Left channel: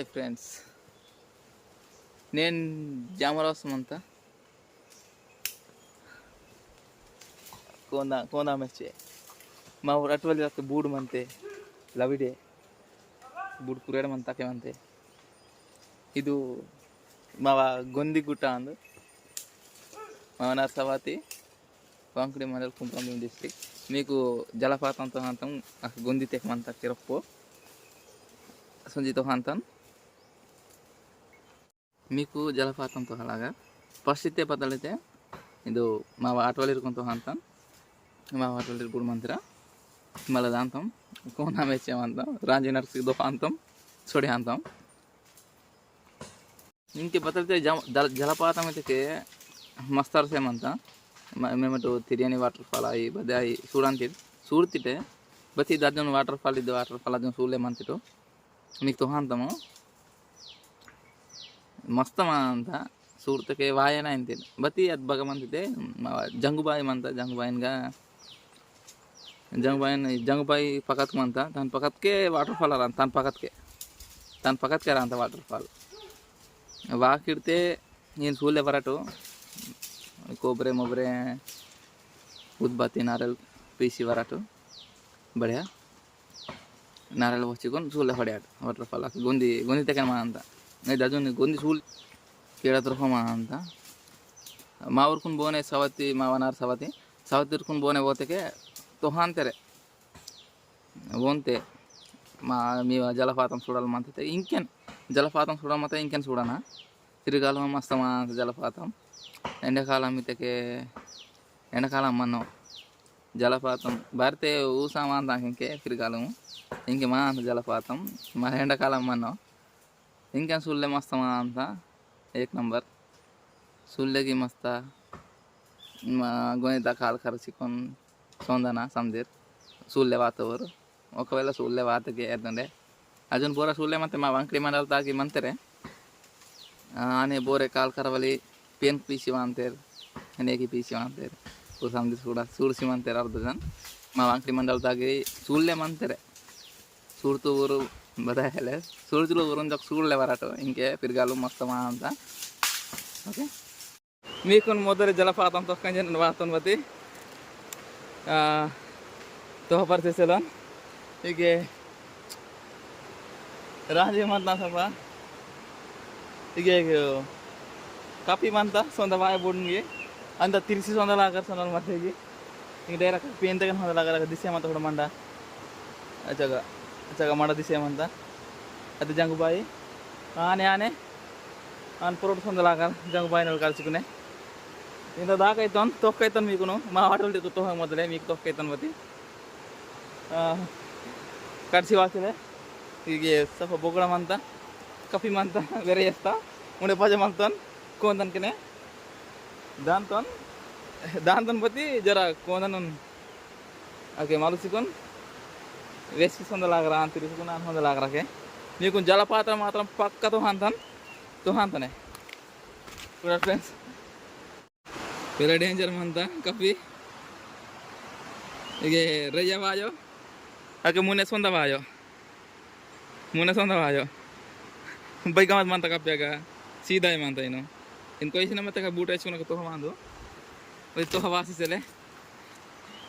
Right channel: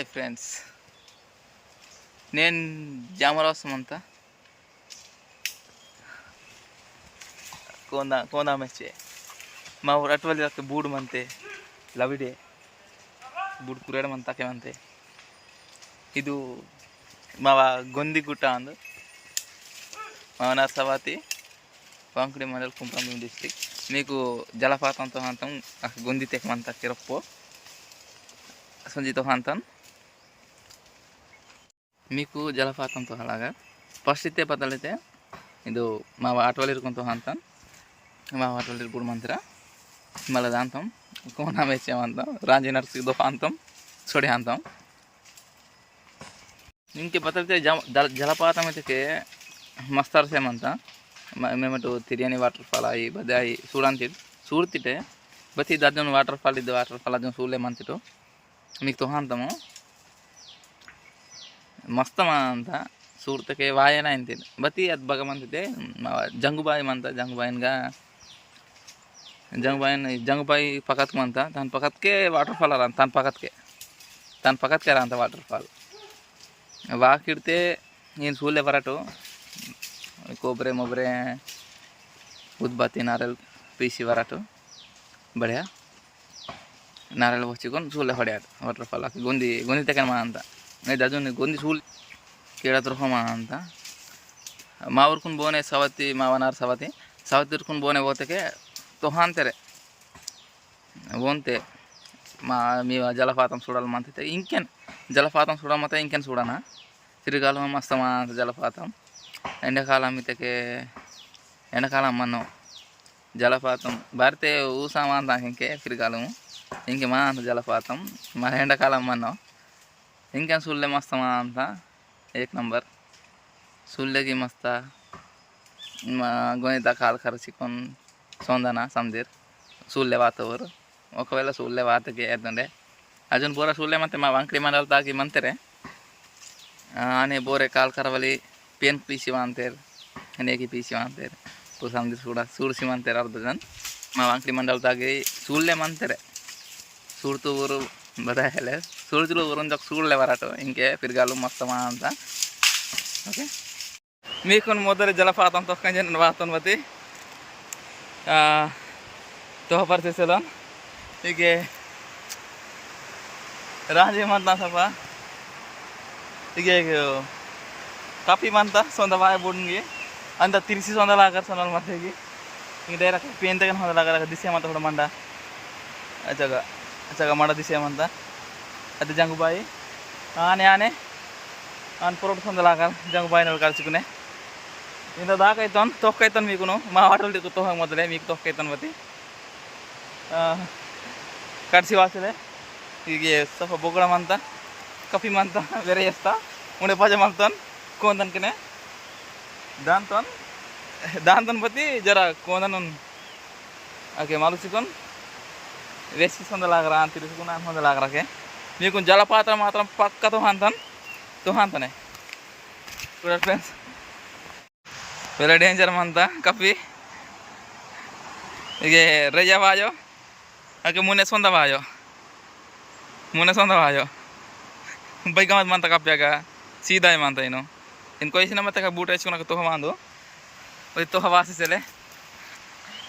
Hi friends, నేను జామరావు సుమంత ಕೋಂದ ಮೆಚ್ಚೆ ಮಾವು ಅಟ್ವಲ್ಲಿ ಅಕ್ಕೆ ಬೂಡು ಮಂತೆ ಲವಿಡೆ ಬೂಡು ಕುರೇಡ ಮಂತಕ್ಕೆ ಮಂತೆ ಇದು ಮಾವ గొందిగుట్ట అందు మావ నర్సవాతి వాంకుడి మండల్ కుంభంభీం డిస్ట్రిక్ట్ మీకు జలపాతంతో హంతం గొంది తెకమంత కిరಪ್ಪು సంజితో హంతం మీకు జలపాతంతో అలాగా ఫస్ట్ ఇస్తే పదలైతే ಇದು మా ఆటోలు ఇరుకుంటూ అంతాం మా ఆటోలు ఇరుకుడు మంత్ర మళ్ళీ దాంతం కోనా వేసేమంతాం రాంజీ నర్సిదో అంతం సొడి అంతం ఇంకే బతలితే జలపాతం అయితే మస్తు అరసేమంత మేమటు తిరియని వాటర్ ఫాల్ అయ్యి బదే అయ్యి చూడంతి చూಡ್ತಿಟ್ಟೆ ಬತ್ತಿ ಅದನ್ನು ವಾಟರ್ ಫಾಲ್ ಇದ್ದು ವಾಟರ್ ಫಾಲ್ ಅದನ್ನು ಸೂಲೇಮಂತಿಟ್ಟು మీకు ತೋಹಂತము ಮಸ್ತ ಅಂತ ಸೂರ್ತಕ್ಕೆ ವಾಯನ ಅಂತೀನಿ ಬತ್ತಿ ಅದು ಬಗಮಂತಿದ್ದೆ ಜಂಗುಬಾಯಿ ಮಂತ ಜಂಗುಬಾಯಿನ್గా జంగుబాయి పక్కకు మంత దాని పక్కకే వాటర్ ఫాల్ రా దాని పక్కకే రా అంత వాటర్ ఫాల్ వాకిడితే నేను చూడలే వరటు ಕೊಬ್ಬರಿ ಮೊಬ್ಬರೆ ಉದ್ಬತ್ತಿ ನಾರೆಲ್ ಪೀಸಿ ವರಟು ಬಡಿಯಾ ನಾರೆಲ್ ಹೊಚ್ಚಿಕೊಂಡು ಸೂಲೆ ಹೊಡೆಯಾಟ ವಾಟರ್ ಫಾಲ್ ಹಾಕಿ ಗೊಂದಿ ತೆಗೆ ಮಾ ಅಂತ ಇದು ಅದನ್ನು ಗೊಂದಿ ಸೂಲ್ ಕೇಳತ್ರ ಹೋಮ ಅಂತ మా ఊరుకుని పోనే సవతి మా వనారు సవతి ఊరుకుని పోనే పోతేకే తొహాంతరే పోతే మీ జలపాతం చూడాలమంతే ఇంకేం జలపాతం చూడమంటే ఇంకేం చూడనా తిరగాలం మస్తమా జలపాతం ఎండాకాలం ఇతకే ఎండాకాలం మనం జలపాతం భారతే ఊసామా అంత ఇంకే తిరగాలము ఇంకే మా అంత జలపాతం మన ఎండాకాలం మనం ఇంకేం చూడలే మస్తమా అంత एक नंबर सुल्लेगी मस्त गोनिता काल खर्चिकोन सौंदना समदीर सुल्ले वातवर ఒకవేళ సుల్లే వాతకి ఏదండే అజున్ ಬೋರ ಸುಲ್ಲೆ ಮತ್ತೆ మా వంకడి మండల తాగి మంతరే ಆನೆ ಬೋರೆ ಕಾಲ್ ಕರವಲಿ ಪೇನ್ ಪೀಸಿ ಅಂತಾರೆ ಅನೇಕಿ ಪೀಸಿ ಅಂತಾರೆ ಪು ಸಮದಿ ಸೂಡಿಸಿ ಅಂತಾರೆ ಅರ್ಧ ಜನ మా వంకడి మండల తాಗಿ ಸುಲ್ಲೆ ಮಂತಾರೆ ಸುಡ್ತು ಊರು ಬದಾಯಲೆ ಸುಳ್ತಿಲು ಊರನ್ ಜೊಕ್ ಸುಳ್ಳೆ ವರಾಟು ಇಂಕೆ ಫಿರ್ಗಾಲು ಮಸ್ತಮಾ ಅಂತ ಓಕೆ మీకుని మొదటి జలపాతం తొక్కంజ వాతం బతి తోహ పరిచేసేలో ఇక రాజేమంతా సభ ఇక ಕಾಪಿ ಮಂತ ಸೊಂದ ಬಾಯ ಬುಡ್ಗೆ ಅಂತ ತಿರ್ಸಿ ಸೊಂದಲಾಗರ್ ಸೊಂದ ಮತ್ತೆಗೆ ಈಗ ಡೈರೆಕ್ಟ್ ಪೇನ್ ತೆಗೆ ಹೊಂದಲಾಗ ದಿಸೆ ಮಂತ ಹುಡ ಮಂಡ ಅಚ್ಚಾಗ ಮಾಡ ದಿಸೆ ಮಂತ ಅದು ಜಂಗುಬಾಯಿ ಆನೆ ಆನ್ ಪರೋಟ್ ಸೊಂದಲಾಗರ್ ಜಂಗುಬಾಯಿನಲ್ಲಿ ಕಳ್ಸಿకునే ఇంత దాకా అవుతాను తొక్కైతాను మీకును మా ఆటోలు దిక్కు తోహ మొదలే మీకు తొక్కైతాను బతి కడిసి వాసలే ಈಗ ಸ್ವಲ್ಪ ಬೊಗಳಮಂತ ಕಫಿ ಮಂತ ಬೇರೆ చేస్తా ఉండే పజమంతాను కోందన్కనే దాంతో బతి జర కోందను ఓకే మలుచుకొని వేసి సొందలాగరా అని తిరుగుకున్నాను సొందలాగరాకే మీకు జలపాతం మాత్రం పక్క తోహాంతనే చూడండి ఫ్రెండ్స్ వేరే డేంజర్ అంతా కఫీ ಈಗ ರಜಾ ಬಾಯೋ ಓಕೆ ಮುನ್ನೆ ಸೊಂದ ಬಾಯೋ ಬೈಕ್ ಮಂತ ಕಪ್ಪ್ಯಾಗ ಸೀದಾ ಮಂತ ಏನು ಇನ್ನು ಕೊಯ್ಸಿನ ಮತ್ತೆ ಬೂಟ್ ಹಚ್ಕೊಳಕ್ಕೆ ತೋಹ ಮಾಂದು ಒಯ್ ತೋಹ ವಾಸಿಸಲೆ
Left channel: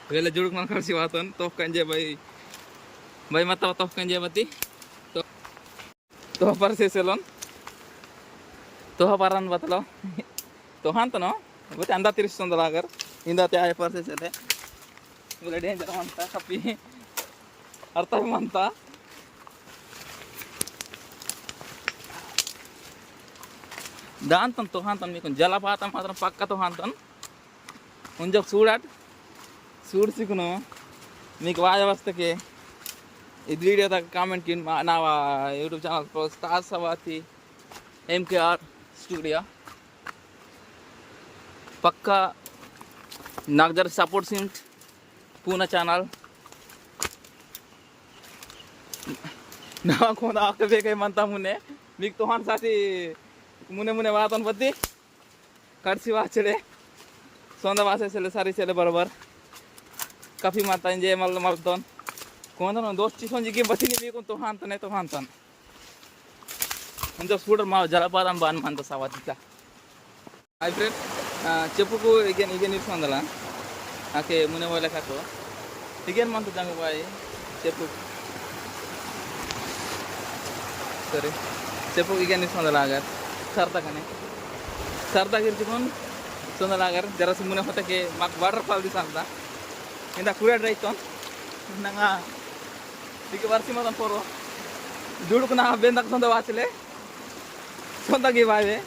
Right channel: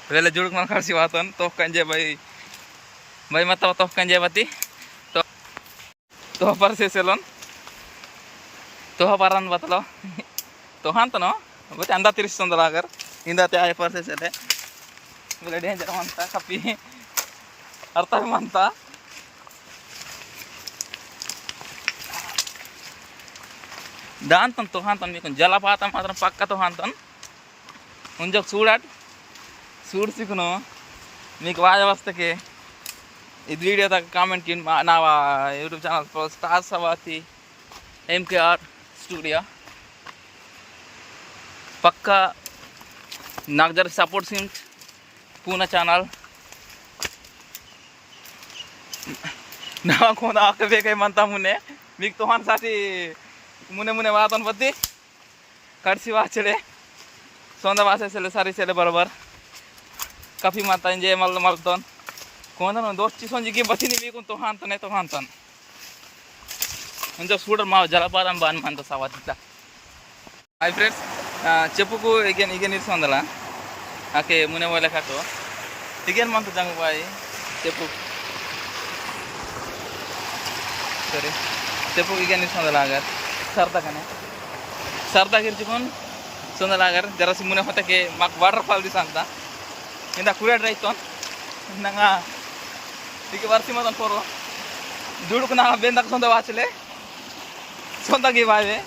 ಇವೆಲ್ಲ ಜುಡುಕ್ ಮಾಡಿ ಕಳಿಸಿ ವಾತನ್ ತೋಹ ಕಂಜೆ ಬೈ ಮತ್ತ ತೋಹ ಕಂಜೆ ಬತ್ತಿ ತೋಹ ಪರಿಸೆಲೋನ್ ತೋಹ ಪರನ್ ಬತ್ತಲೋ ತೋಹ ಅಂತನೋ ಬತ್ತೆ ಅಂದ ತಿರ್ಸ್ತಂದಲಾಗರ್ ಇಂದ ತ್ಯಾಯ ಪರಿಸೆಲೆ ಇವೆಲ್ಲ ಡೇಂಜರ್ ಮಂತ ಕಪ್ಪಿ ಅರ್ಥ ಮಂತ దాంతో తోహాంతాను మీకు జలపాతం మాత్రం పక్క తోహాంతాను ముంజొక చూడ్సికును మీకు వాయవస్థకి ఇది వీడియో తగ్గ కామెంట్కి నా యూట్యూబ్ ఛానల్ స్టార్ సవాతి ఎంకేఆర్ స్టూడియో పక్క నాకు జర సపోర్ట్ సింగ్ పూనా ಚಾನಲ್ ನಾವು ಕೊಂದ ಹಾಕಬೇಕೇಮಂತ ಮುನ್ನೆ మీకు ತೋಹಾನ್ ಸಾತಿ मुने वातन बत्ती कड़सी वाचले सौंदा वासे सारी चले बराबर काफ़ी माता इंजे मलतन कौन दोस्ती सोंजी की बती नहीं तो हांतन కొంచెం చూడరు మా జలపాతం బాగా అంత సవాత్ ఇట్లా హాయ్ ఫ్రెండ్స్ చెప్పుకు igen igen ఇస్తుందలా ఆకే మునే వాళ్ళ కాకు igen మంత జంగు బాయ్ చెప్పు సరే చెప్పు igen ఇస్తుందలా అగర్ सर्दा गिरचुन सुंदर जरा से मुने होता के माक वाटरफॉल दिस अंता इंदा कुरा ड्राइव तो नंगा इके वर्षी मदन पोरो दुडुक ना बेंदक सोंदा वाचले सोंदा गे बावे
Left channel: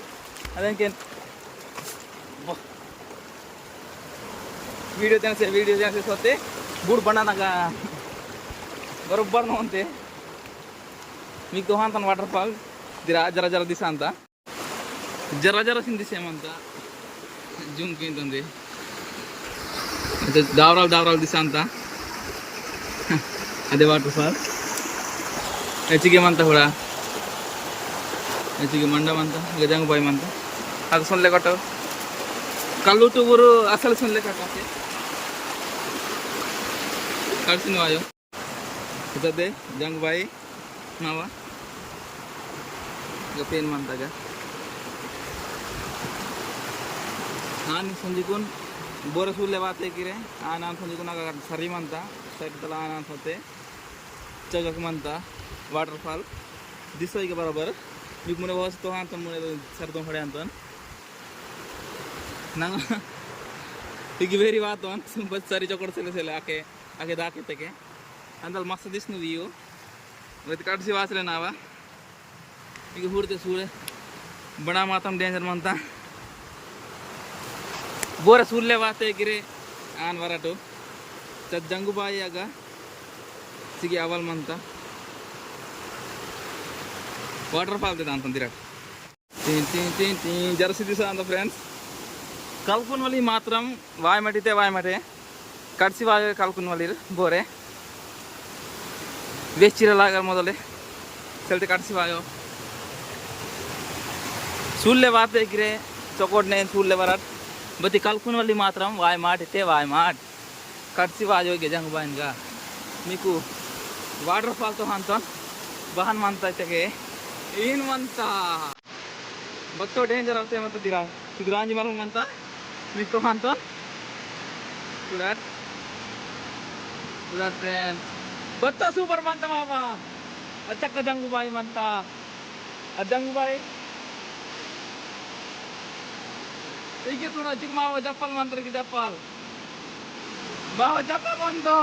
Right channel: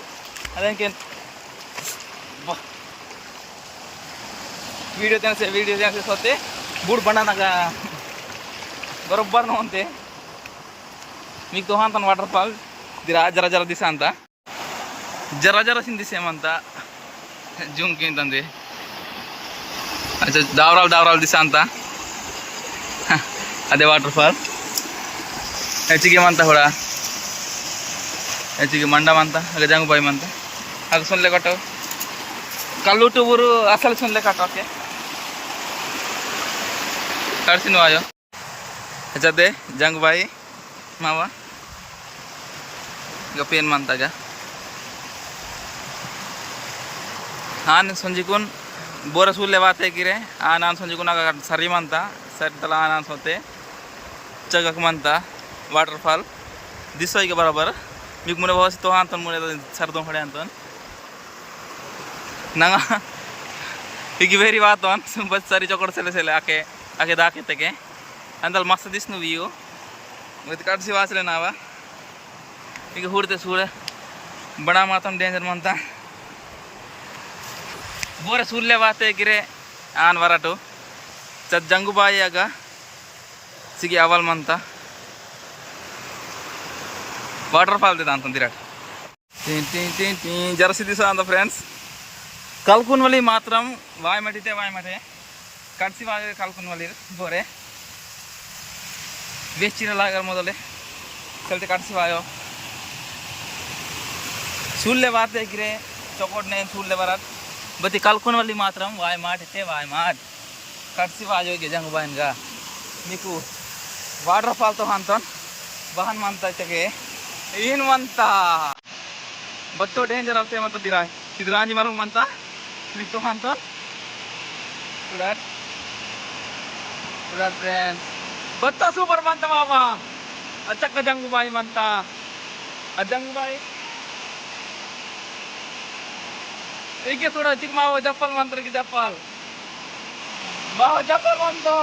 अदेंके वीडियो देने से सोते बूढ़ बनाना का बरोबर न होते मीक तो हांतन वाटरफॉल दिरा जरा जरा दिस अंता जरा जरा सिंधिसेमंता जूम किंतंदे अच्छा दावराल दिशा अंता अदे वाटरफॉल ಹೆಚ್ಚಿಗೆ ಮಂತ ಹೊಡ ಹೆಚ್ಚಿಗೆ ಮಂಡ ಮಂತ ಹಾಗೆ ಜಂಗು ಬಾಯಿ ಮಂತ ಹಾಗೆ ಸುನ್ಲೆ ಕಟ್ಟು ಕಲ್ಲುಟ್ಟು ಊರು ಅಸಲು ಸುನ್ಲೆ ಕಟ್ಟೋಕೆ ಕಟ್ತೀನಿ ವಾಯೋ ಹೆಚ್ಚದೆ ಜಂಗು ಬಾಯಿ ಮಾವ ಈಗ ಪೇನ್ ಮಂತಾಗ आन संजीकुन बोर सूले वाते गिरे आन संजीकुन सरी मनता सरी तला आन सोते चगक मनता वाटरफॉल दिसो के बराबर मिक मुने बहुत तो हां तन मुने सरदो खड़े अंतन नंगा इकी वेरी बात ऑन बस सरी चोकड़ से आके आके दाके तके अंदल मस्त दिसनु व्यू with काटसी वासले नावा इकी हुरते सूरे बड़ा मातम डेंजर मनता बोर सूर्य वाते गिरे आन वराटो चत जंगु बाई आग सिगी अवल मंता वाटरफॉल दे दांतन दिराट तीन तीन तीन तीन जरसी दिसा अंद फ्रेंड्स कलकुन वली मात्रम वाय मटे कटसी वाय कलकुन वली बोरे बेचिरे लागर मोदले चलते कटसी वायो सूर्य वाते गिरे चोकोड ने सूर्य वरात बती कलकुन वाली मात्रम वाय माट कटसी वाजो के जंग बाइनगा मीकु वाटरफॉल तो हांतन बहन मानता चके इन मनता बत्तो डेंजर आते मत दिराय सिद्धरांजी मालूम मनता मीक तो हांतन सुडर फ्रेंड्स बत्ता सुपर मनता मामा अच्छा का जंग बाई मनता अजंग बाई इके थोड़ा चिक माव जप्पल मंत्र की जप्पल माव जप्पल मंतो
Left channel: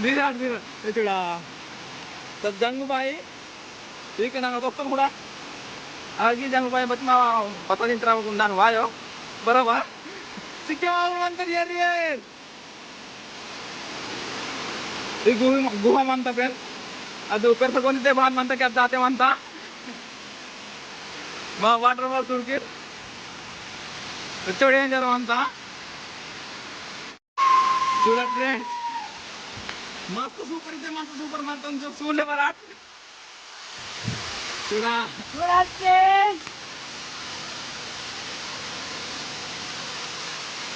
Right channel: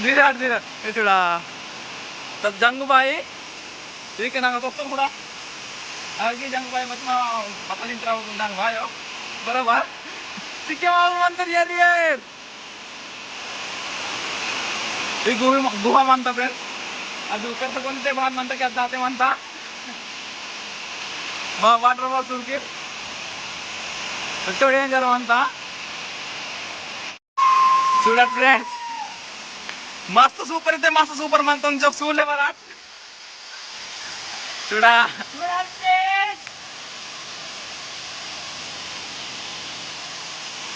दिराट इचुड़ा तब जंग बाई ठीक है ना तो थोड़ा आगे जंग बाई बच माव पता नहीं तरह को नंग वायो बराबर चिके माव मंत्र यार ये गुहा मानता फ्रेंड अब ऊपर से कौन से बाहर मानता क्या जाते मानता माव वाटरफॉल सुन के डेंजर अंता चूड़ा फ्रेंड्स मस्त सूपर मनता जब सूले वराट चूड़ा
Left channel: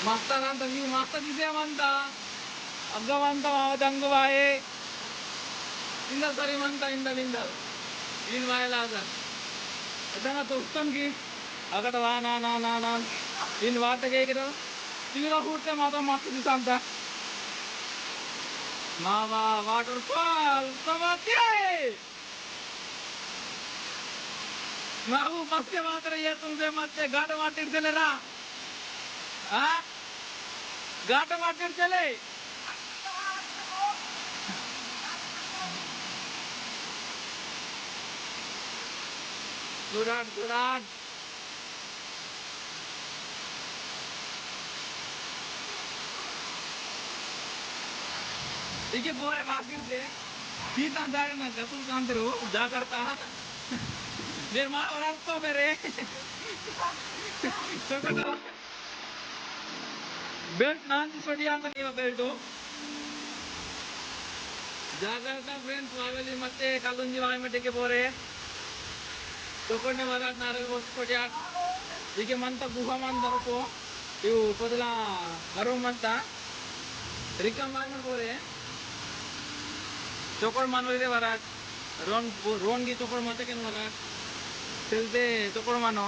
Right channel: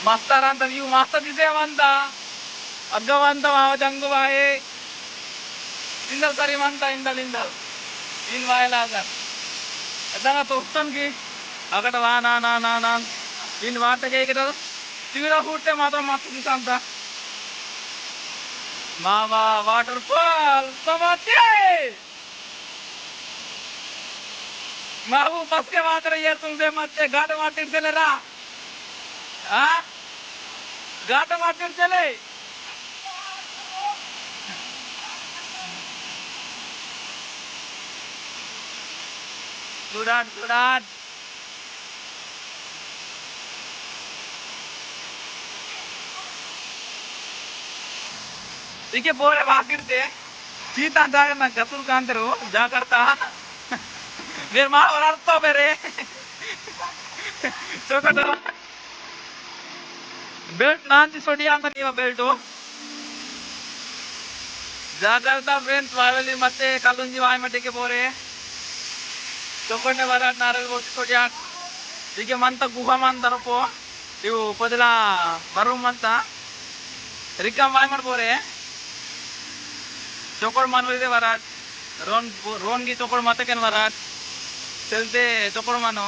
मस्त व्यू मस्त दिसे मनता अग्गवंत माव जंगु बाये इंदल सरी मनता इंदल इन वायलागर अदंगा तोस्तन की अगट वा ना इन वाट के तीरा फूटते मात्र मस्त दिसंता मावा वाटरफॉल समझे माऊ बस के मात्र ये तुमसे मत घाट माटिर चले रा हाँ घाट माटिर चले गुडाट इके बोरे बाकिरते सीता जाकर ना गतुल कांतरो जाकरता मेरे माँ और अर्थ मेरे तो कटा बेल्ट नांची सोडी अंत नहीं बेल्ट हो जाकरता फ्रेंड्स वायली मते कलुंजी वाय मटे के बोरे तो कोने वाला नारल बोटी सोडी आट इके मंता गुहा मंता रपो इव पदला बरू मंता रिकम वाय मट बोरे चोकोड़ मानवले वराट रोन की चोकोड़ माते केन वराट चलते चोपड़ मानो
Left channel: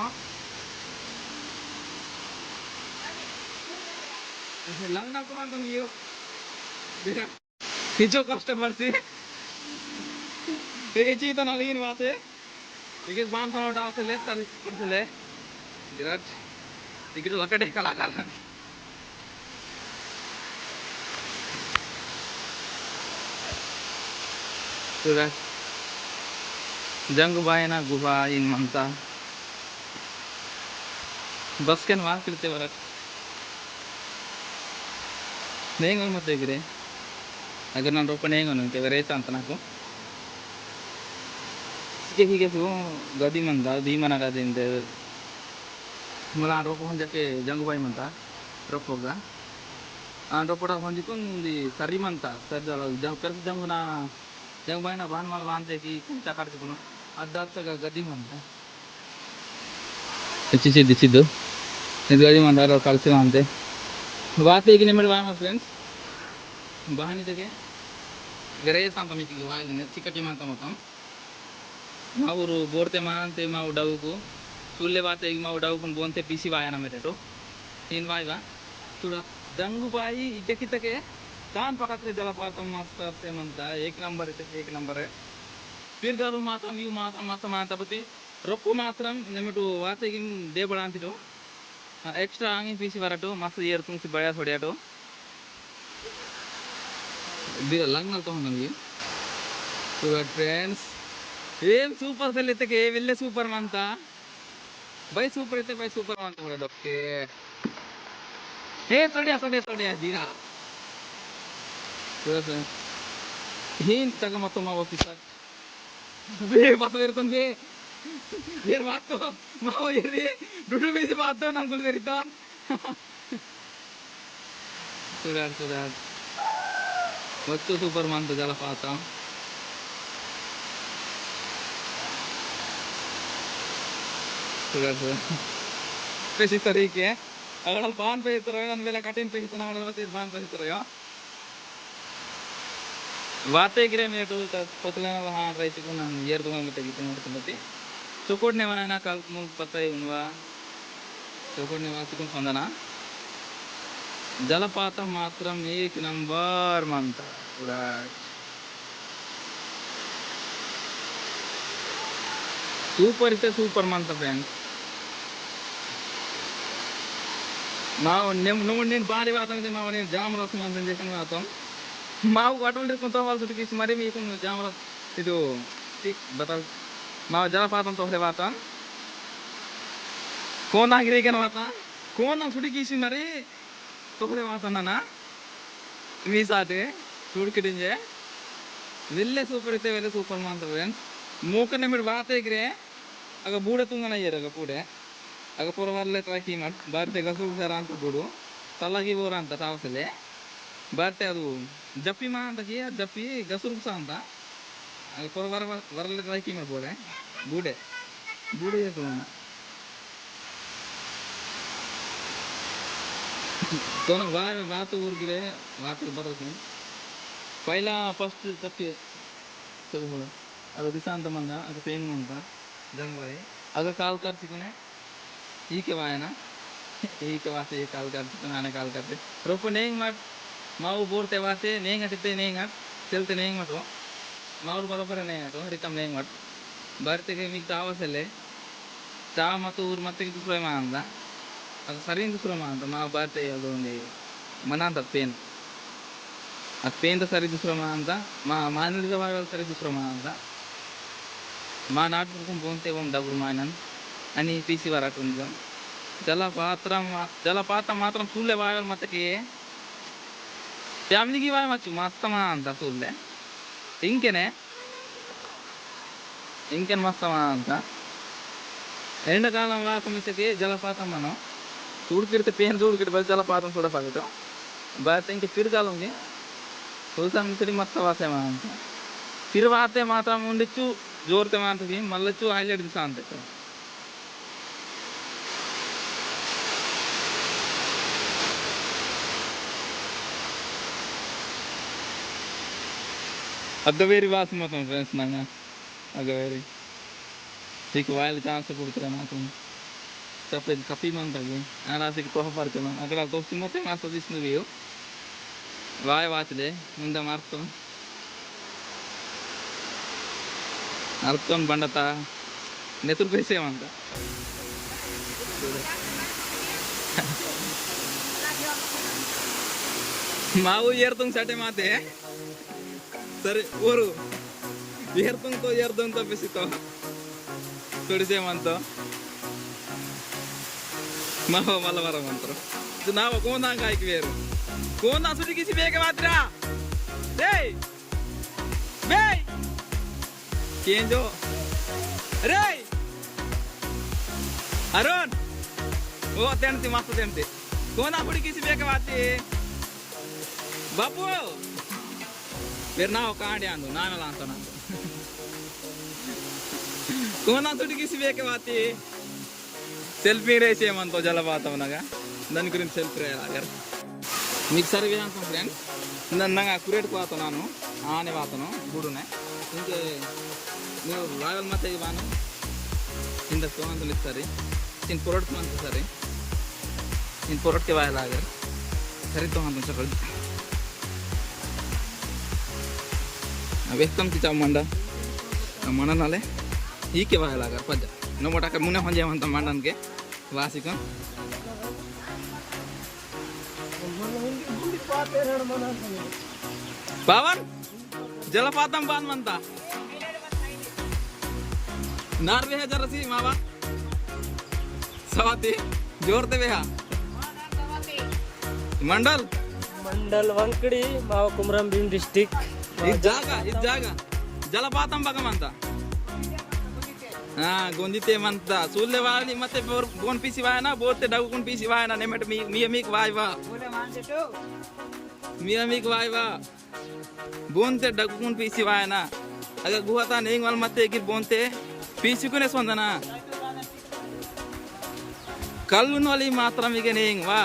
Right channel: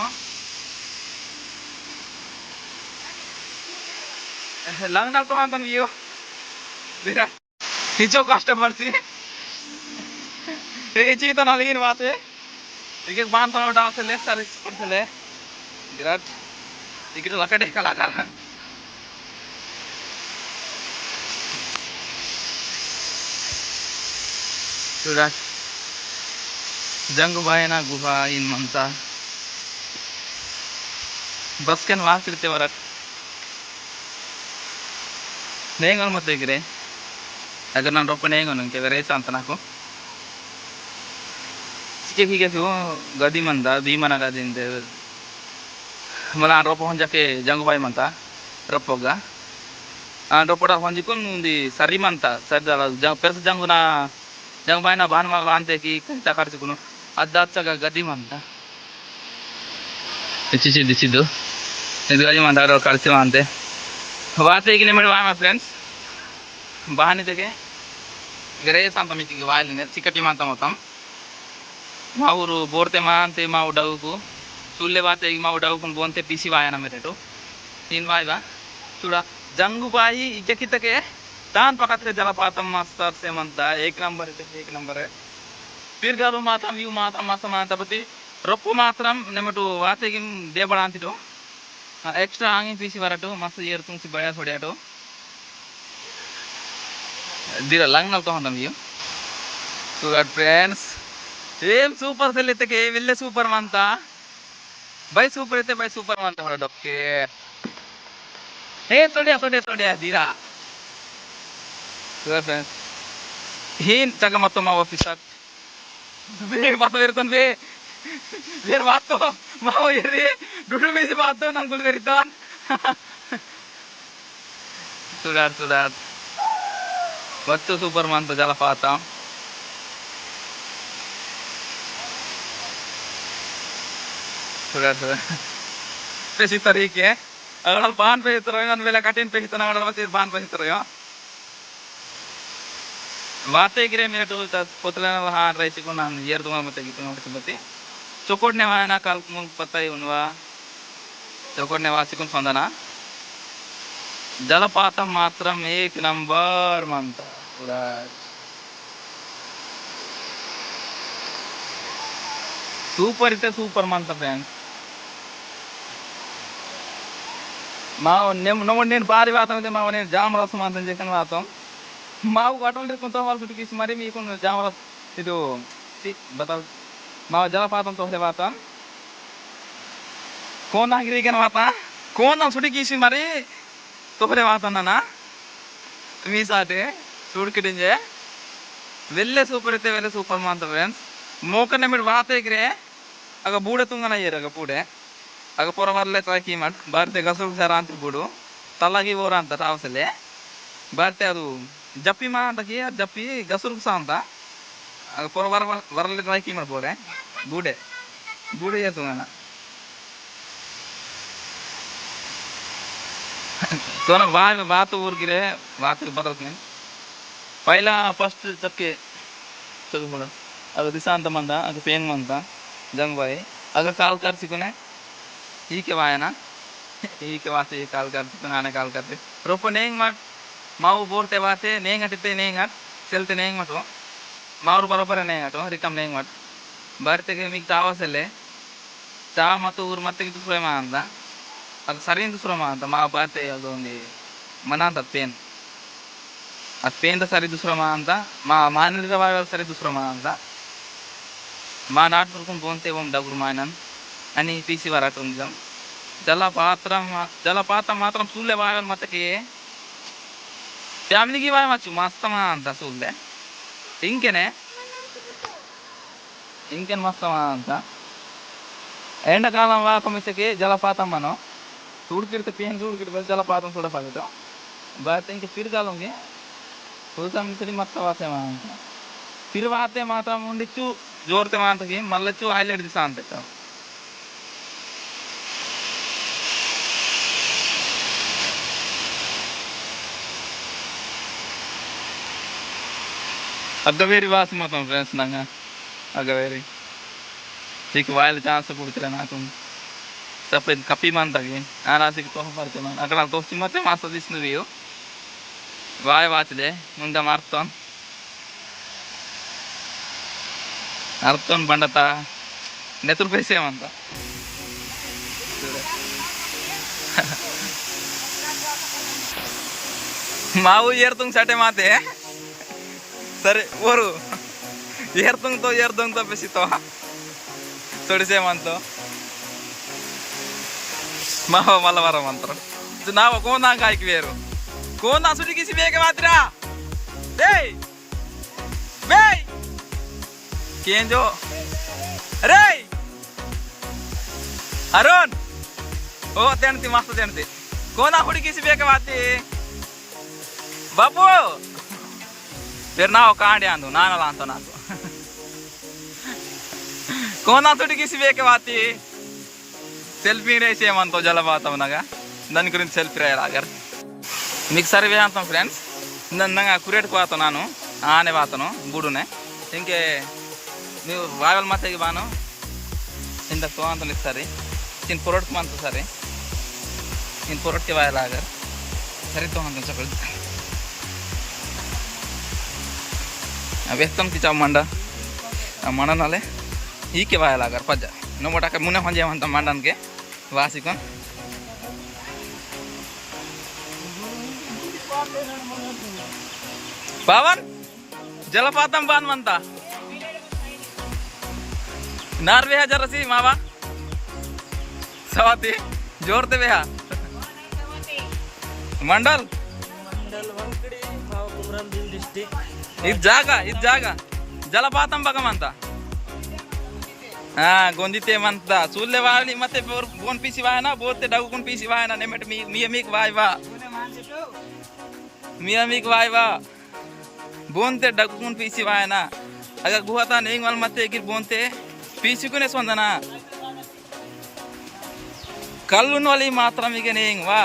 लंगना तो हम यो बिरा निजो कस्टमर सी ये चीज तो ना लेकिन बात है टिकट बांध तो उठा से ले सारे से ले बिराट टिकट लकड़े का लगा बिराट जंग बायना गुफा इन मंता बस के वाक इरते बरट नहीं मत देखिए अगर ना रोप नहीं उनके वेरे अंत ना ठीक गदी मंदा भीमन गदी मला रोप जाके जंग बाई मंता रोपोगा रोपड़ा हंजिकुन सरी मंता सरी पेरस जंगना जंग बायना बान अंते की खर्चुकुन अद्दाचगा गदी मंता दिचिदु ಇದು ಗದಿ ಮಂದಾರ ಕಳಿಸಿ ಅಂತೆ ವಾಸ ಈಗ ನಿಮ್ಮಡಿ ವಾಮ ಫ್ರೆಂಡ್ಸ್ ಬಾನಿದೆಗೆ ಗರೇಸ್ ಅಂತ ಮಿತಿಗೆ ವಾಯಲಿನೆ ಚಿಕಟಿ ಮಾತ ಮೊತ್ತಂ ಮಾವರು ಬೋರ್ತೆ ಮಾ ಅಂತೆ ಮಾವು ಡಗುಕು ಸುಳ್ಳೆ ವಾತೆ ಈಗ ಮಾವು ಡಗುಕು ಬೋಂತೆ ಪಿಸಿ ವಾಯನ ಮೇರೆಟು तीन वायवा थोड़ा जंगू बाई इजकितके तान पकते जलपातम मास्टर से मनता एक नंबर है फिर गालू माता व्यू माता माता माता पति रप्पु मात्रम नेमटू वाते किम दे बड़ांतिटो एक्स्ट्रा आगे पीसी वरटू मस्त ईयर तुमसे बढ़िया थोड़ियाटो दीरा लंग तो हम व्यू तो फ्रेंड्स ఏం సూపర్ సెల్ ఇతకే వెళ్ళే సూపర్ మంతా బై సూపర్ అయితే బై సూపర్ మంతా మన డొక్కే ఏ తోడియా దీరా तो फ्रेंड्स हिन जगह मत माव ऑफिसर बे बात वेरतन बे वेर बात तो माव येरे डुडु में से बात तो नंगुल वेरितन सुधार वक्त सुपर मान तो जला पाता सुधार पेसी तरीके अगर बान पे तरह वेला कठिन पे इतना अगर बस बान पे तरह वाते गिरे मेरे तो पोतले हाँ रईसी को नाम ईयर दूंगा मत की तुम मत चौकोट ने वहाँ ना कल मुझे पता ही उनवा चौकोट ने वासी को संदाना जलपात मात्रम एक नंबर मंता पूरा सूपर इतने सूपर मंता फ्रेंड माव नमोने बारी बात में माव ने जाम रस मंता जेकन बातों माव अटोल कुंता वाल सुट किसी मरी मी कुन जाम रस इतो बताओ माव जलपातम तो से बातों कौन आगे क्या बाता कौन ना सुटी किसी मरी तो फिर बातों ना मी साथे सुट किडेंजे वेल्ले सूपर मानता फ्रेंड्स मोकने मिड बाते गिरे अगर बूढ़े तुंगना ये रगा बूढ़े अगर पोरा वाले ट्राई की मत बारते गसुर जरा अंत बूढ़ो तलागी वो रांता रावसले बारते अदु जप्पी मां अंत किया जप्पी गसुर सांता अगर पोरा वाले ट्राई की मत बोले बूढ़े ये तुंगना तो ना बात ऊर गिरे बात बदल में पहला फर्स्ट चक्के तो बोला अगर दिशांत मंदा अगर पेन मंदा जंग भाई अगर काल कर सिकुने ही के वाया ना ही के वास्ते ये काल कर सिकुने आने काल करते रोपो नहीं मत माऊ बोलते वास्ते नहीं घटते नहीं घट चलते नहीं मत हो माऊ बराबर नहीं घटो रिकम नहीं मत बढ़ते के मिक चावा से ले चावा मत ऊर मत की दूसरे मानता अगर सरीन दूसरा मानता माँ बढ़ते अदोंगे मनाता पेन तो सरी दूसरा मानता माँ मानने का वाला सरी दूसरा मानता माँ नाट पर बोलते वो डबुल मानन अनि पीसी वाला तुंजम जलपात मात्रम सुले वाला मत के फैमिली की वाला मत मस्त मानता सुले इंके मस्त मानता एंड कालम वाला कमिसे के जलपात मनो सूड़किरते पेन सूड़किरते बस जलपात सोड़ा पागतो बात इंके फिर कालूंगे मिसरी मत वासे मानता फिर वाते मात्रम उंडिचू जोरते मानता की मल्लचू हाईलाइट दिशा अंते तो अगवेरी वास मत फ्रेंड्स नंगा अगवेरी ठीक वायल चांस कुड़चले नाकु सफेद कपी मन तगे आरासिक तोह परते मन अगर दोस्ती मते मासा दिसनु रियो वाय वाचले मुंदा मार्तोन अर्थोन बंडता नेतुर पैसे मंता माऊ येरतुंग सटे माते सरे ओरू येरतुंग तो बेसी तो तोड़से मंतो माव मलवार मंत्र नाव कोना गायक वेरू कोना सुडी किसी बेके मात्रा बे बे केंजो अरे अरुण ओ तेणती मस्त तेणती कोना हुडी किसी बेके माती बापू फिर नाव कांडे आंदू नानला अंतो नाको कोना सुडी किसी बेके माती सेल्फी रेसे मंतो जलपातम नगा दानि गुरिंचि सेल्फी रायलागर మీకు సర్వే అంతం ఫ్రెండ్స్ నన్నగా కురేట్కు పోతాను ನಾನು ಆನೆ ಬಾತನು ಬುಡುನೆ ಇಂಕೆ ನೀವು ವಾಯಲ್ ಮಾತೆಗೆ ಬಾನು ಇಂದ ತೋಂತ ಸರಿ ತಿನ್ ಪೊರಟ್ಕು ಮಂತ ಸರಿ ಇನ್ ಪೊರಟ್ಕೆ ವಾಯಲಾಗರ್ ಸರಿ ತೋಂತ ಸಕಲ್ व्यक्तम की चाव मंडा मंडा नाले ही के वायलागर पजा नो मोटा के मुने हंजे मंत मंडन के वासिकन पवन जलपातम बान मनता नारवे जरसी मावा सवाती जोरते बेहा मंडल मंडल वंकड़ी मावा कुमरम भीम डिस्ट्रिक्ट इस जागा जलपातम बगमंता गोंदिते मंता सूल्ले वाली मते बोन पीसी वायना बोते डगुकुन पीसी वायना नेमट मियमिक वायवा मियमिक वायवा बोनते डगुकुन पीसी वायना अगर गुहाता नेंग वाल मते गिर बोनते पीसी कुने सोंदना कल्लुन वाली मात्रा मिगे नेंग वा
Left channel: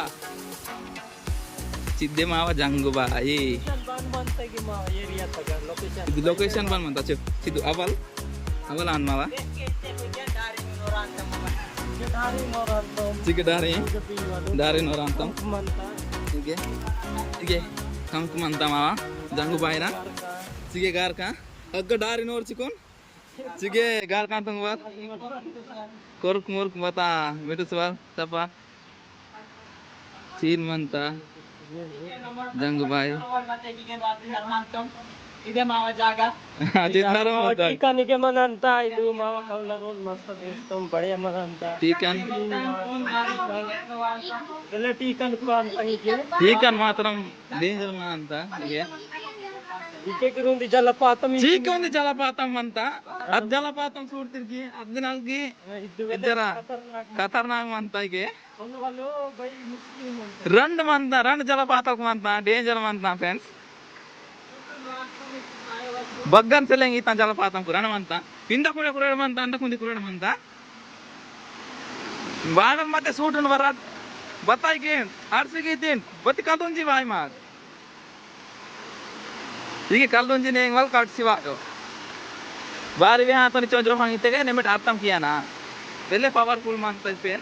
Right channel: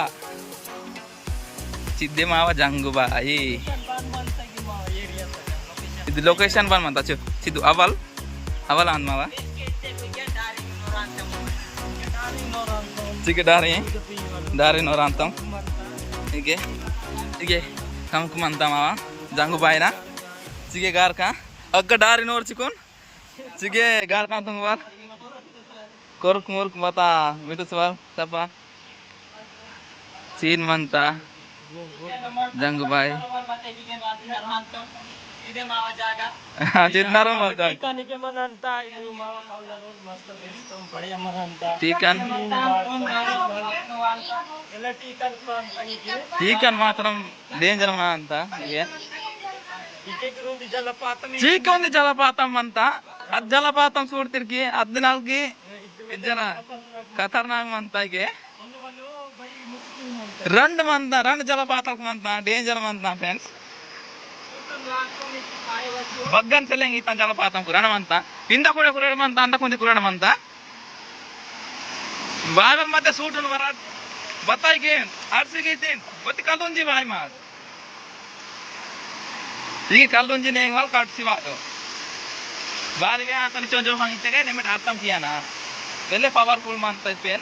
सिद्धे मावा जंगु बाई ఇది లొకేషన్ బన్ మంత సిద్ధు అవల్ అవల్ అన్నవా చికే దారి నోరాంతం ఇగే ఇగే కంకు మంత మావా జంగు బాయినా చికే గార్కా అగ్గ దారి నోర్చుకోన్ చికే గార్కాంతం వా కొర్కు ముర్కు మత మిటు సవా సపా సీన్ మంత జంగు బాయి ఇదే మావ జాగా చిన్నరో మత టీకానికే మనంతా ఇది మావ కౌలరు మస్త్ చేస్తాం బడియ మనంతా టీకన్ ఇలా టీకన్ ప్రాంతానికి టీకన్ మాత్రం డేంజర్ మా అంత ఇగే ఇకే ఉంది జలపాతం చీక ఉంది జలపాతం అంత అద్ జలపాతం చూడతిరికి అద్నాల్కి ఇద్దర ఖతర్నాక్ మంత ఇగే రెండు జలపాతం మంత డేంజర్ మంత ఫ్రెండ్స్ बग्गन से लेंगे इतना जलपातम कुरान मनता पिंदा कुड़े कुरान मनता अंत कुंदी कुरान मनता बागल मते सूट उन वरात बताई के आरसी की तीन बति कलुंजी भाई मार ये कलुंजी ने वाल काट सिवा दो बारी में हाथ निचो जो हांगी ते नेमिट आत्म किया ना पहले पावरफुल मानता है पेन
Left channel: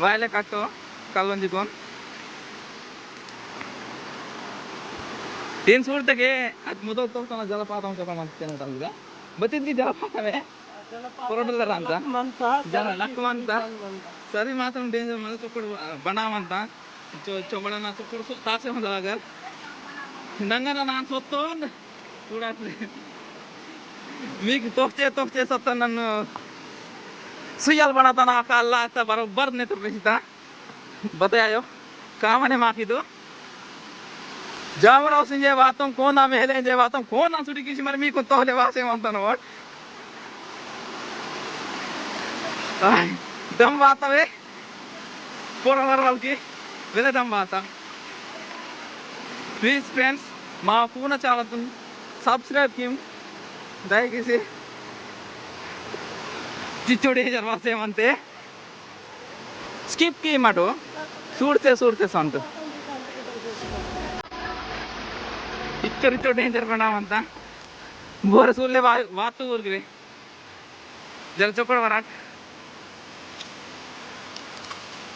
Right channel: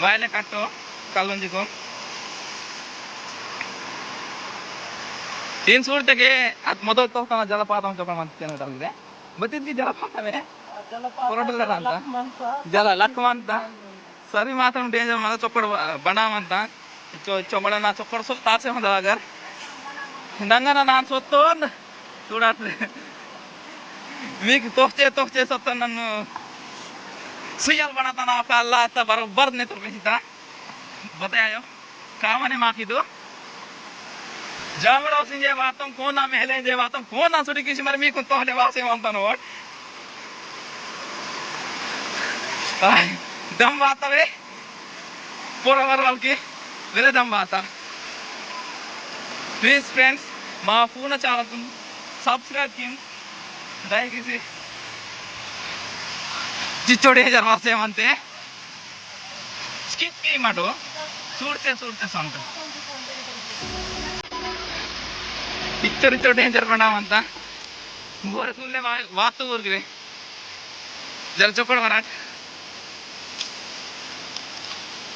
वाले काटो कलुंजी को तीन सूर तक अद मोदल तो जलपातम चोक मंते बतिद्दी जलपातमे पोरटल ಅಂತ ಜಲ ಲಕ್ಕಮಂತ ಸರಿ ಮಾತ್ರ ಡೇಂಜರ್ ಮಾತ್ರ ಚೊಕ್ಕಡ ಬಣಾಮಂತ ಚೊಂಬಳನ ಚೊಕ್ಕಡ ಸೊ ತಾಸೆ ಹೊಂದವಾಗ ನಂಗನ ನಾನು ಸೊತ್ತೋನ್ చూడాట్లే మీకు తోచే సొత్త నన్ను సుయ్యాలు బణతాన आपका अल्लाह आता बराबर ने तो बेचता बतायो कामने माखिदो जामराव सिंह बातों कौन ना मेले जे बातों कौन ना सुटी किसी मर मी को तोहले वासे मानता नो दम बाता वे पोरा वरवाल की वेरे दम बाता प्लीज फ्रेंड्स మా ఫోన్ చాలా సబ్స్క్రైబ్ కిమ్ దయచేసి చిచ్చోడే జర్వాసేమంతే స్కిప్ చేయమటు చూడితే సంత ఇచ్చో డేంజర్ పడామంత ಬೋರ ಸೂರ್ಲೆ ವಾತು ಊರ್ಗ್ರೆ जरा चौकड़ मराठ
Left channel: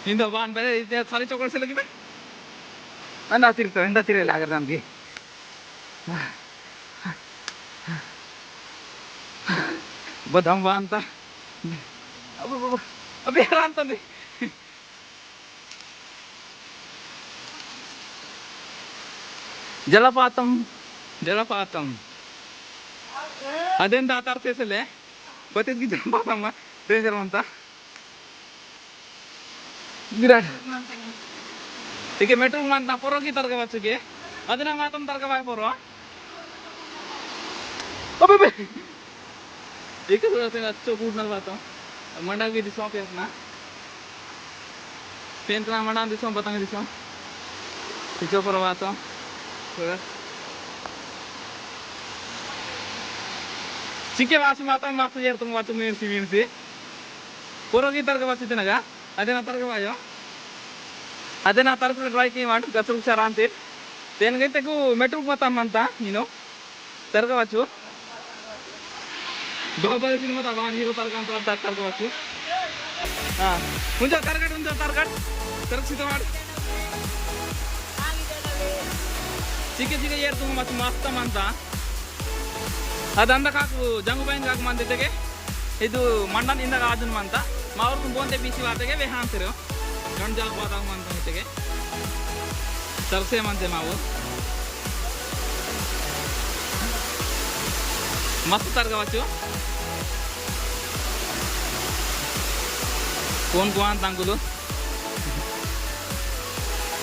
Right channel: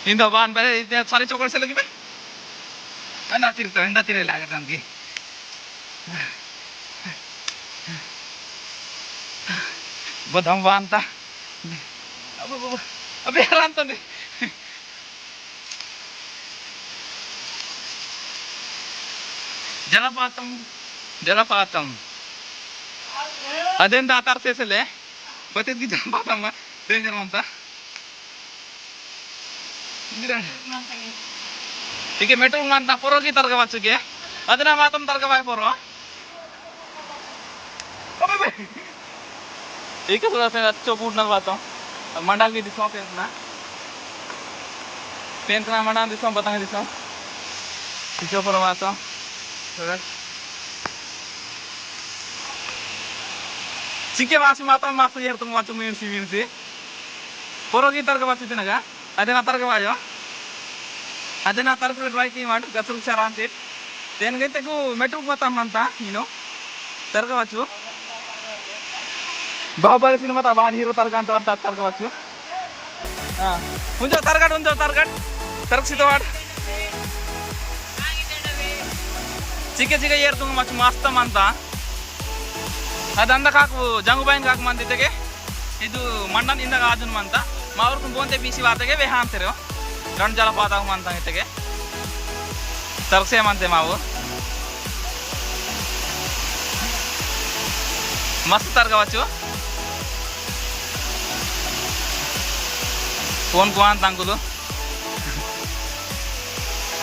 हिंदा बान पे इतने सारे चौकड़ से लगी मैं अंडा तिरले अगर जान की बदाम बान था अब यार अंत नहीं जलपातम अदें दातार से ले बतेत की जलपातम मत डेंजर मनता गिरा ठीक है मेट्रो मनता पोरो की तरका बच्चों के अदना मातम तरका बाय पोरो अबे बे एक थोड़ा सा अच्छो बूट नल बातों मंडा की दिशा पेन करना मंडा दिशा बताएं दिशा दिशा पर बातों चिके वासी माता माता यार तुम वाचो मीनसी पोरो की तरका बच्चों थे नगा अदना तरका बायो अदना तरका ट्राई की मार गसुल शरांती तेन गए ते को मेट्रो पता मनता तरका बच्चों बाहुबली सिनेमा था बाहर हीरो तरका अंत तरका बच्चों हाँ उन्जो तरक सितवाड़ चिके चिके यार तुम मस्त मनता अदंदा काकु जंगुबाइन काकु मन देते ಇದು ಮಂಡನ್ ಇಂದ ಆದನ್ ಮಂತ ಮಾವರ್ಕು ಬೋಂತೆ ಬಿಸಿ ವಾತೆಗೆ ವೆ ಹಾಂತಿರೋ ಗಂಡ ಜಲಪಾತ ಮಂತ ಇತೆಗೆ ತರ್ಸೆ ಮಂತೆ ಮಾವು మస్తు తరగవచ్చు ఫోన్ పోన్ తంకులు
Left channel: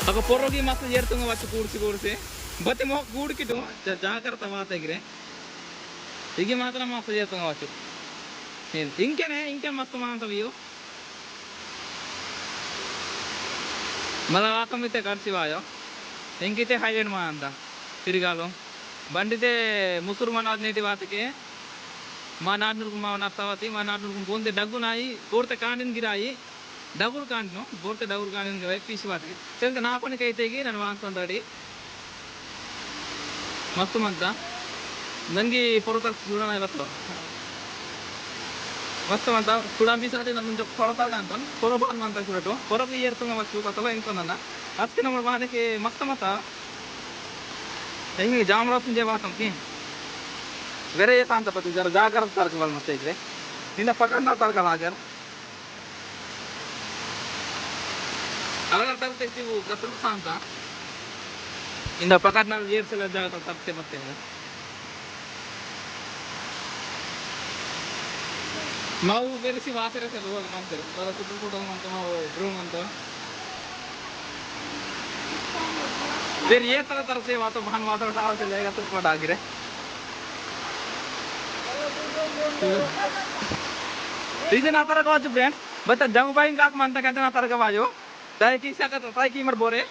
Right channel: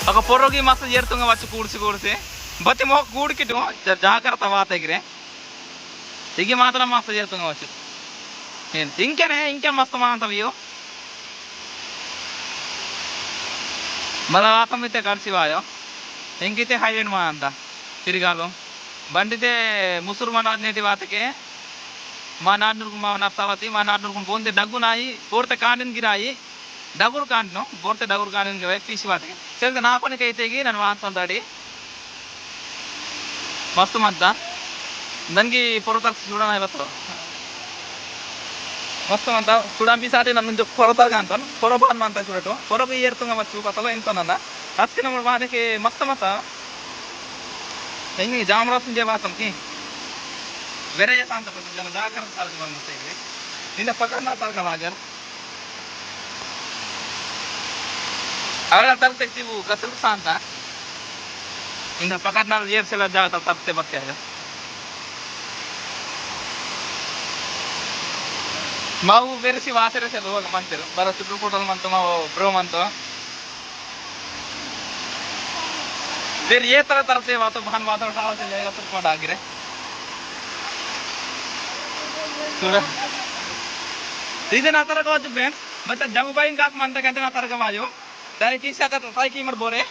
ఒక పొర్రోకి మస్తు చేరుతుంగవచ్చు కూడిసి బతి మొక్క కూడికిటు జాగ్రత్త వాతగిరే ఇగి మాత్రం మస్తు చేరుతుంగవచ్చు ఇంకే మస్తు మాంటవియో మళ్ళా వాకమైతే కలిసివాయో ఇంకైతే హైవే మా అంత తిరిగాలు బండితే ముసురు మనాటి వాతకి మా నాన్నకు మా నర్తావతి మా నాన్నకు పోతే డగ్గు నాయి పోతే కాండిని గిరాయి డగురు కాండిను పోతే డగురు కాండిని గిరాయి తీసి వాతకి తెలిసి నా పనికి అయితే నన్ను వాడుతుంటాడు మస్తు మంత దానికి పొరతలు చూడని వస్తారు మస్తు మంత చూడంపిసారి నన్ను పొరతలుగా అంటాను పొరబాన్ అంతా చూడటం పొరకు ఏరుతుంగా వచ్చు అసలు ఎంతోనన్నా వచ్చినప్పుడు వానికి మస్తు మత ಹಿಂಗೆ ಜಾಮರಾಜ್ ವಾಸಂತಿ ಬೇರೆ ಅಂತ ಪತಿ ಜರ ಜಾಗ್ರತ ತರಕ ಮತ್ತೆ ಇದ್ರೆ ನಿನ್ನ ಪಕಡ್ನ ತರಕಲ್ಲ ಹಾಗರ್ ಅವರ ತರ್ತಿವು ಕತ್ತಲು ಅಂತ ಇಂದ ಪಕಡ್ನ ಏರ್ಸೆಲ್ಲ ಜಾಗ ತಪ್ಪತೆ ಮತ್ತೆ ಆಗ ಮಾವು ಬೇರೆಸಿ ವಾಸರೆ ಸರ್ ಹೋಗ ಮಂತಿರು ಬರ ಸುಟ್ಟು ಕೂಟಲ್ ಮಂತು ಮಾವು ಬ್ರೋ ಮಂತು ಬೇರೆ ಏ ತರ ತರತೆ ವಾತು ಭಾನ್ ಮಾತಾಡ್ತಾ ತುರ್ಕೊಂಡು ಆಗಿರೆ ఇది నా తరగ వచ్చు ఫ్రెండ్స్ బట్ జంగుబాయి కాక మంతకంటే నా తరగ వాయు ట్రైకి ట్రైకి మటు బోరే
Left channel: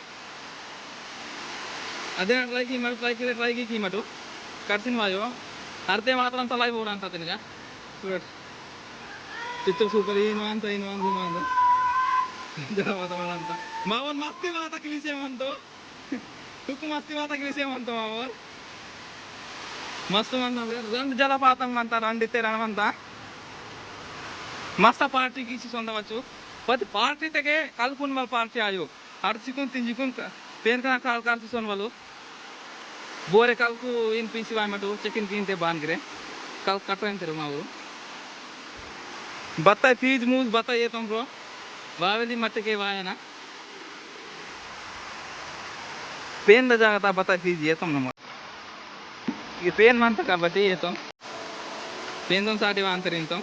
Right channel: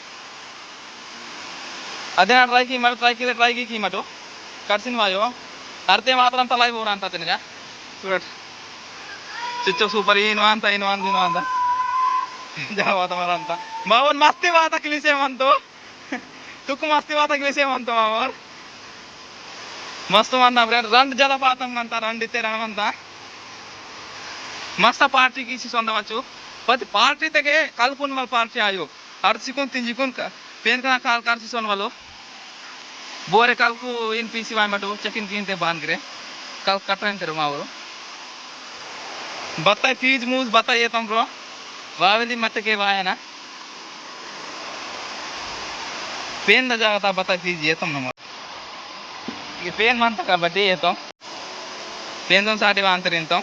అదే నా ట్రైకి మటు కడిసిన వాయు అర్తే మాత్రం తలై బోర ಅಂತ ತಿನ್ಗ చూడ ಚಿಚ್ಚ ಸೂಪರ್ ಏನು ಅಂತ ಜಾವಾತ ಮರ ಅಂತ ಮಾವನ್ ಮಸ್ತಿ ವಾತ ಕಿಲಿಸೇವಂತು तुक मस्ती वाता विषय म्हणतो मावर मस्त म्हणता फ्रेंड ರಂಡ ಜಲಪಾತ ಅಂತ ರಂಡಿತೆ ರಣವಂತ मस्त पार्टी की सొందవచ్చు पति पार्टी तेगे कलपुन वाल पार्टी आयो हरसिकुन तिंजिकुन पेन का काल कारसी सोन वालो बोरे कलकु इन पीसी वाय मटो चेकिन किनते बांगरे कल कटन तेरो मावरो बताय फीज मूज बताय येतम ब्रो वावेली मत के वायना पेन ल जाता बता दीजिए तुम नंबर ये पेन मानता का बटे ये तो पेन तुम सारी वांतरिन तो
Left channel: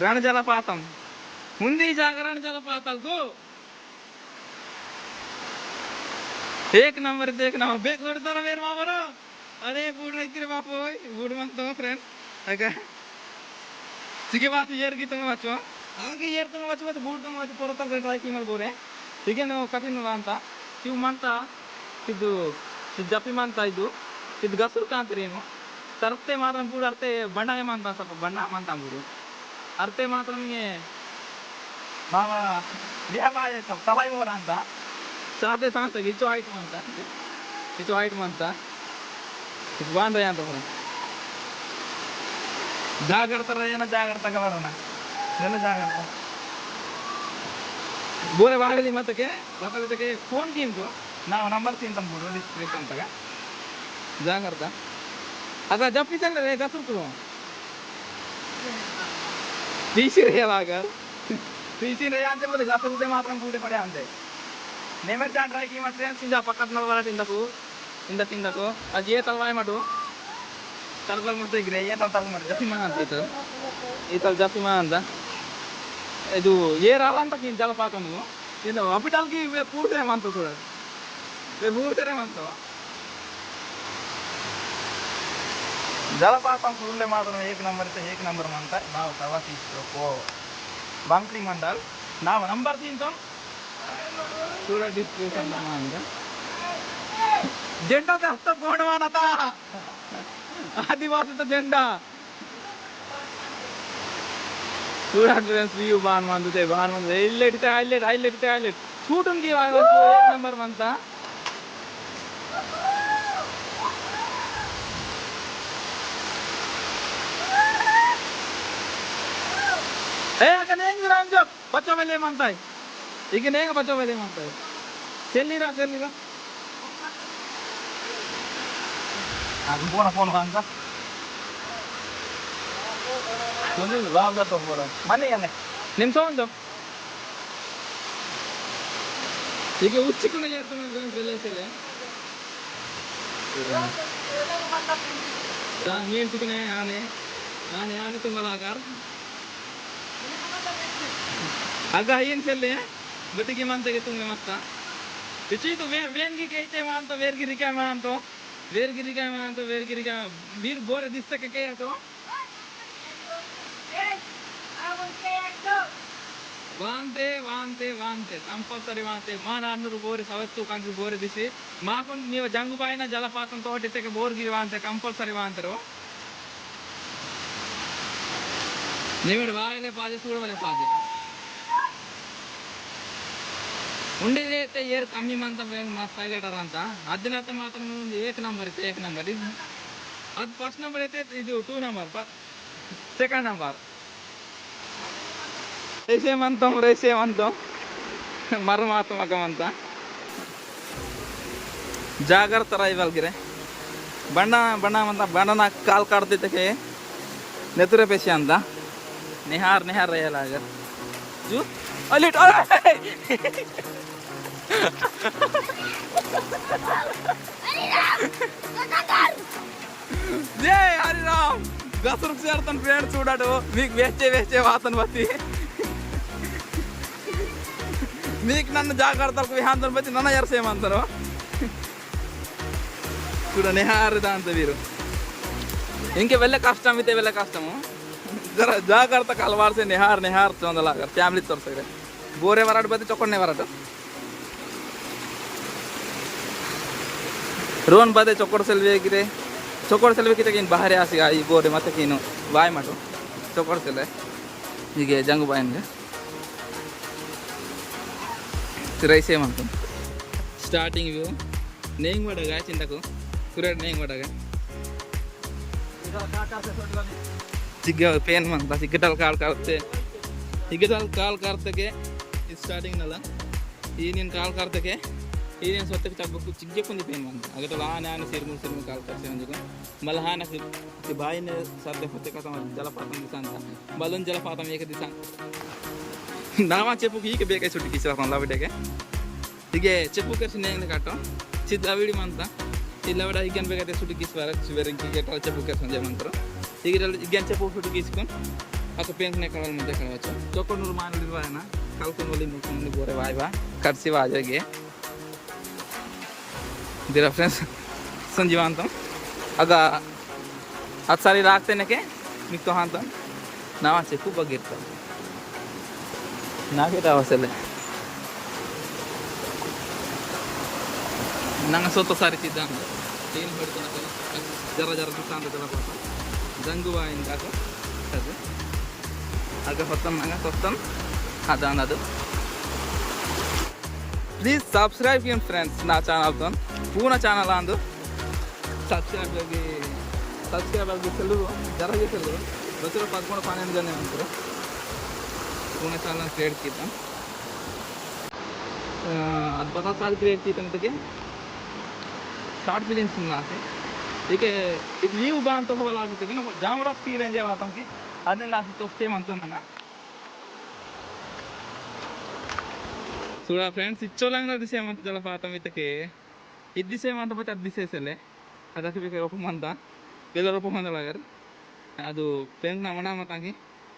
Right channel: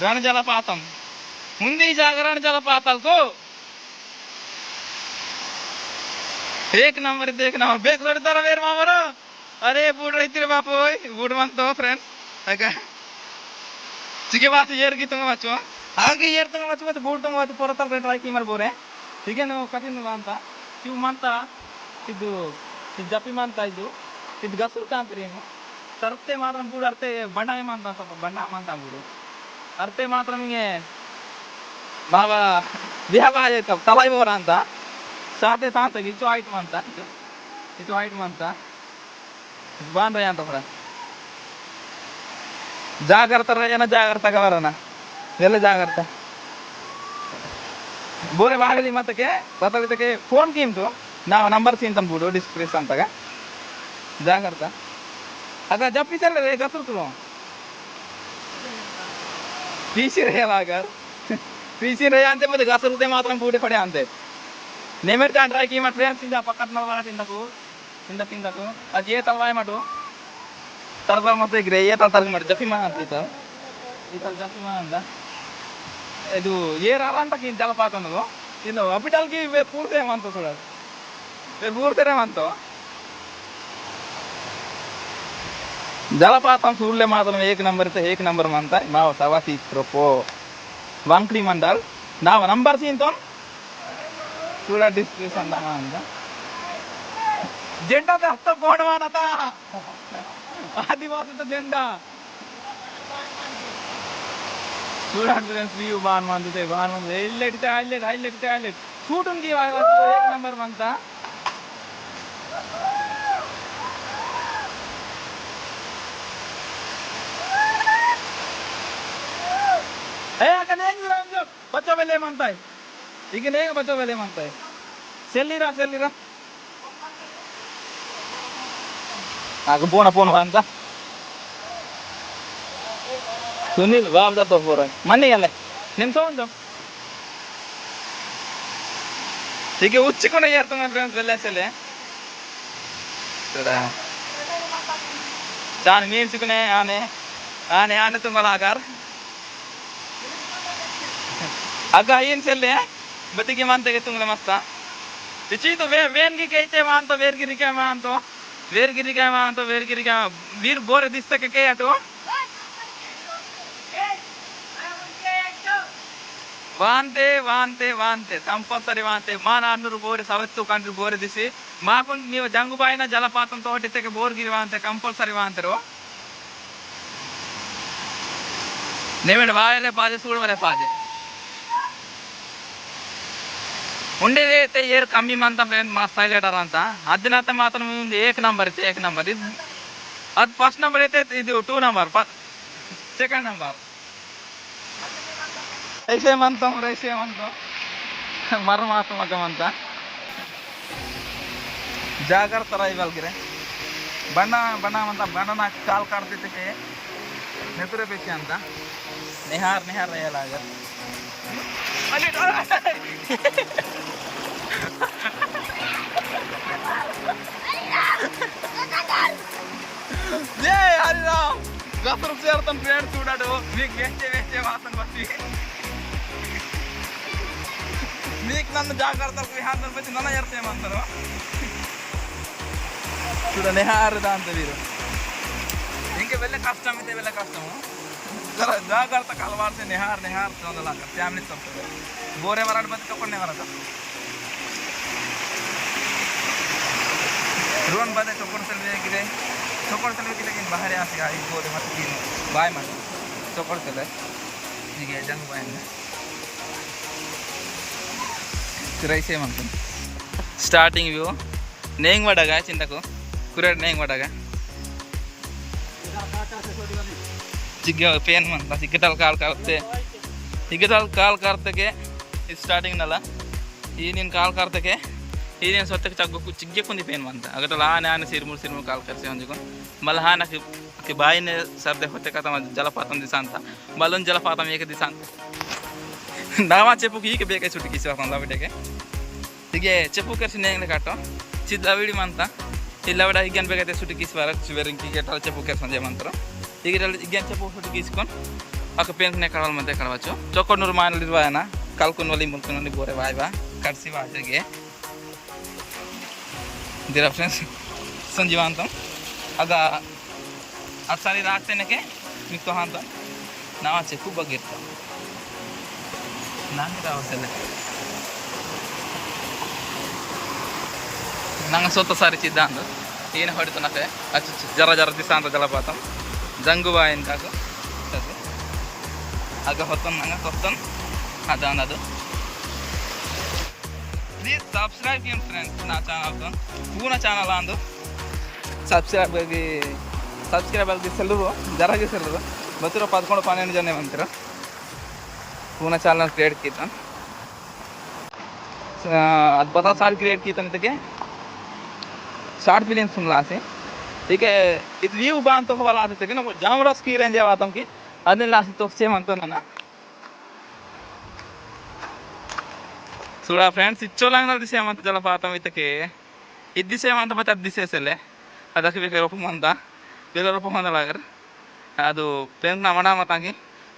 रण जलपातम मुंदी जागरण जलपातल को एक नंबर बेक लड़ता रहा मेरे मामरो अरे बूढ़ रही तेरे बाप ओए बूढ़ मान तो फ्रेंड अगर ठीक है बात येर की तुम बच्चों आगे येर तुम बच्चों तो बूढ़ तुम बच्चों पोरता ट्राई की मर बोरे ठीक है ना कठिन मानता शिव मानता ಇದು ಜಪ್ಪಿ ಮಾಂತ ಇದು ಗಸುರು ಕಾಂತಿರೇನು ತರ್ತೆ ಮಾತ್ರ ಬೂಡು ಅರ್ತೆ ಬಣ್ಣ ಮಾಂತ ಸ್ವಲ್ಪ ಬಣ್ಣ ಮಾಂತ ಬೂಡು ಅರ್ತೆ ಮಾತ್ರ ನಿಮಗೆ ಬಾಬಾ ದೇಹ ತಲಾಯಿ ಬೋರ ಅಂತ ಸಾತೆ ಸಾಂತ ಇಚು ಆಯ್ತು ಅಂತ ಇದು ಬಾಂಧ ಅಂತ ಜಾಗ್ರತ ಏನ ಜಾಗ್ರತ ಗವರನ ಎಲ್ಲ ಜಾಗ್ರತ ಬೋರೆ ವಾಗಲಿ ಮತ್ತಕ್ಕೆ ಬತ್ತಕ್ಕೆ ಫೋನ್ ಕಿಂತು ನಾವು ನಂಬರ್ ತಿಂತಾం ಬಿಡು ಡಿಸ್ಪ್ಲೇಸ್ ಅಂತಾಗ ಜಾಗ್ರತ ಅದ ಜಪ್ಪಿಸಲ್ಲ ರೇ ಜಪ್ಪಿರ್ತು ಪೀಸಿ ರೇವಾಗ ಪೀಸಿ ರೇ ಅಂತೆ ಮತ್ತೆ ಗಸರುತೆ ಮಾತ್ರ ಬೂಡೆ ಪಡೆ ಅಂತೆ नेमेर का ड्राई की मत फ्रेंड्स इंदा पकड़ ना वाला tinda ko आज ये तलवाय मटो तलवा मत ग्रे ये तल मट जपी मा अंत इतल जपी मा अंदा ಇದು ಏರಾಲಂತ ಕಿನ್ ಜಲಪಾತನದು ಇನ್ನು ಹಾಸ್ಪಿಟಲ್ ಗೆ ಪೂರ್ತಿ ಮಂತ ಸುಡ ಪೂರ್ತಿ ಮಂತ ಜಲಪಾతం చూడలే మాత్రం ఏక నంబర్ మంత మా సవాసి ప్రొపో వంక్లి మండల్ నా నంబర్ తింటాం చూడ డిస్ప్లేస్ అందామా అంద జెండా హస్త పోడవానత ఆదివాసీత జెండా చూడండి వ్యూ బాన్ మందుతే హైలైట్ షూట్ ఉంది ఏక నంబర్ మంత ए अगर नहीं राम जो बच्चों वाले मानता है लेकिन एक बच्चों वाले मानता है सेल्ली रा आगे पोन मानता सुनील बाप दा तो पोरा मन्ने गले निम सोंदो ठीक है उच्च को नहीं यार तुम्हारे फ्रेंड्स वेले चले तेरा जान मीन सिकने आने तुम्हारा आकार अग ಏನು ಚೆಲ್ಲೆ ಬತ್ತಿಗೆ ಮಾಂತಗೆ ತುಂಗಲೆ ಮತ್ತ ಇಚಿತು ವೇನ್ಗಿ ಕೈತೆ ಮಾಂತ ವೇರ್ಗಿರಿಕೆ ಮಾಂತ ವೀರ್ ಬೋರೆ ದಿಸ್ತಕ್ಕೆ ಕೈ ಆಟು ವಾಂತೆ ಕಂಪಲ್ಸರಿ ವಾಂತೆ ಮಾನ ಅನ್ನೂರು ಬೋರೆ ಸವತ್ತು ಕಂಡ್ರು ಬೋರೆ ದಿಸಿ ಮಾಕೊಂಡು ನೀವು ಜಂಗುಬಾಯಿನ ಜಲಪಾತಂ ತೋಟಿದ್ದಕ್ಕೆ ಬೋರ್ಗಿರಿ ವಾಂತೆ ಕಂಪಲ್ಸರಿ ವಾಂತರು ನೀವೇನು ಬಾಯಲೆ ಪಾಜೆ ಸೂಡುವಲೆ ಪಾಜೆ ఉండేదైతే ఏర్ కమ్మి మంతం మా స్టైలేటర్ అంతా అదినైతే మాత్రం ఏక నంబర్ ఇది అది ఫస్ట్ నెంబర్ అయితే ఇది 2 నెంబర్ సెకండ్ నెంబర్ రేసేమంతం ಮರ ಮಾತಮಗವಂತ ಜಾಗ್ರತ ರೈವಲ್ಗಿರೆ ಬಣ್ಣ ಅಂತ ಬಣ್ಣನ ಕಾಲ್ ಕಾಡ್ತಿದ್ದಕ್ಕೆ ನೆತುರೆ ಪೇಶಿ ಅಂತ ನಿಹಾರ್ ರೈಯಲಾಗ ಅಲ್ಲಿ जय हरिराम गसर చేరతన్ ఫ్రెండ్స్ చూడాడు మీకు వేస్తే వాతన్ వస్తి మీకు నన్ను జాగ్రత్తలకు విహాంతం వచ్చి నన్న ఎర్సేమంటారు చూడనే హారదా అంత వీరు ఇంకే వెళ్ళే కష్టము जरा ಜಾಗ್ರತ ಕಲವಾರ್ಸೆ ನಿಹಾರ್ ಚಂದಲಾಗ ಫ್ಯಾಮಿಲಿ ತೋರ್ಸಿದೆ ಬೋರೆ ವರಾಡ್ ಬದಿ ತಕೊಂಡೆ ವರಾಡು ರೋನ್ ಬದೆ ಚೊಕ್ಕಡ ಸೆಲ್ವಿ ಕಿನ್ ಬಾಹರಿ ಆಸಿ ಈ ಬೋರೆ ಮತ್ತೆ ಕಿನು ಬಾಯ್ ಮಾಡು ಚೊಕ್ಕಡ ಸೆಲೆ ಹೀಗೆ ಜಂಗು ಬಾಯನ್ಗೆ ರೈಸೇ ಮಾಡ್ಕೊಂಡು ಸ್ಟಾರ್ಟಿಂಗ್ ವ್ಯೂ ನೇಂಗ್ ಮಾಡಾಗ ಚಿಂತಕು ಕುರೇಡ್ ನೇಂಗ್ ಮಾಡಾಗ ಚಿಗ್ಗ ಪೇನ್ ಅಂತ ಸಿಗ್ಗಟಲ್ ಕಾಲ್ ಕಾರ್ತಕ್ಕೆ ಸ್ಟಾರ್ಟಿಂಗ್ ನಲ್ಲ ಈ ನೀನು ಕಾಲ್ ಕಾರ್ತಕ್ಕೆ ಈ ನೀನು ಸೊತ್ತಕ್ಕೆ ಚಗ್ಗು ಚಿಗ್ಗಕ್ಕೊಂದು ಪೇನ್ ಅಂತ ಅಗಟಲ್ಲ ಆನೆ ಸಿರ್ಮುರ್ ಕಾಲ್ ಕರ್ಸಿ ಅಂದ್ಕೊಂಡು ಮళ్ళీ ಹಾನಕ್ಕೆ ಬಾಯಿನೇ ಸರ್ದೆ ಹೊತ್ತೆ ಕಥ ಜಲಪಾతం ದಿಸ ಅಂತ ಮಲ್ಲೊಂದು ಜಲಪಾతం ಏಕ ದಿಸ ಅಂತ ನಾವಾ ಚೆಪ್ಪು ಹೀಗೆ ಬೇಕಾಗಿ ಸುಟ್ಟಿ ಕಿಸಿರಪ್ಪ ಲವಿಡೆಗೆ ಹೀಗೆ ಚೆಪ್ಪು ಕರ್ಸಿ ನೇಂಗ್ಲೆ ಕಾಟೋ ಚಿದ್ ಲವಿಡಿ ಮಂತ ಈ ಲವಿಡ ಹೀಗೇನು ಬೇಕಾಯ್ತು ಸುಟ್ಟಿ ಕಿಸಿಬಾರ ಬೇರೆ ಚೆಪ್ಪು ಕರ್ಸಿ ಮಂಜೆ ಈಗ igen cepu sudah kiskon aku pengen kawal mante kawalcu cokon nurman lirwana kalkun wali mulkun ni bore waiba karsi wajo ge dira friends sanjiwantam aga atsari raate neke mikko hantam nawa cepu bagirta nage rawasele nanga soto sari ciddan ina hoditunake achu jara disanta jalapatam जंगुबाइन का आगे होतन अदानदु please subscribe कियन friends ना channel ತನ್ ಪೂರ್ಣ channel ಅಂದು subscribe ಆಗಿ seller ಜರಾಗಿ seller ಬಸ್ಸಿರೋ 11-12 ಜನ ಅಂತೀರ पूर्ण ಚಾನಲ್ ಕ್ರಿಯೇಟ್ कीता आज 50 साल क्रिएट की तक शॉर्ट फिल्म सुनला से ठीक है ఇది వ్యూ బాంతో వాళ్ళ ఆసే కిన జామరస్ की रेंज आवातम की అన్ని లాసి तो సేమ్ అంటున్నా చూడా ఫ్రెండ్స్ ఇచ్చోలంగా దిసేమంత జలపాతం ఇతకే ఇది దిసేమంత ಮತ್ತೆ ಅದು ದಿಸೇಸಲೆ ಅದಕ್ಕೆ ಬೇಕು ರೂಪమంత ಬೇರೆ ರೂಪమంత లాగర్ ಅದು ಪೆಂಗ್ನ ಮಡ ಮತಾಂಗಿ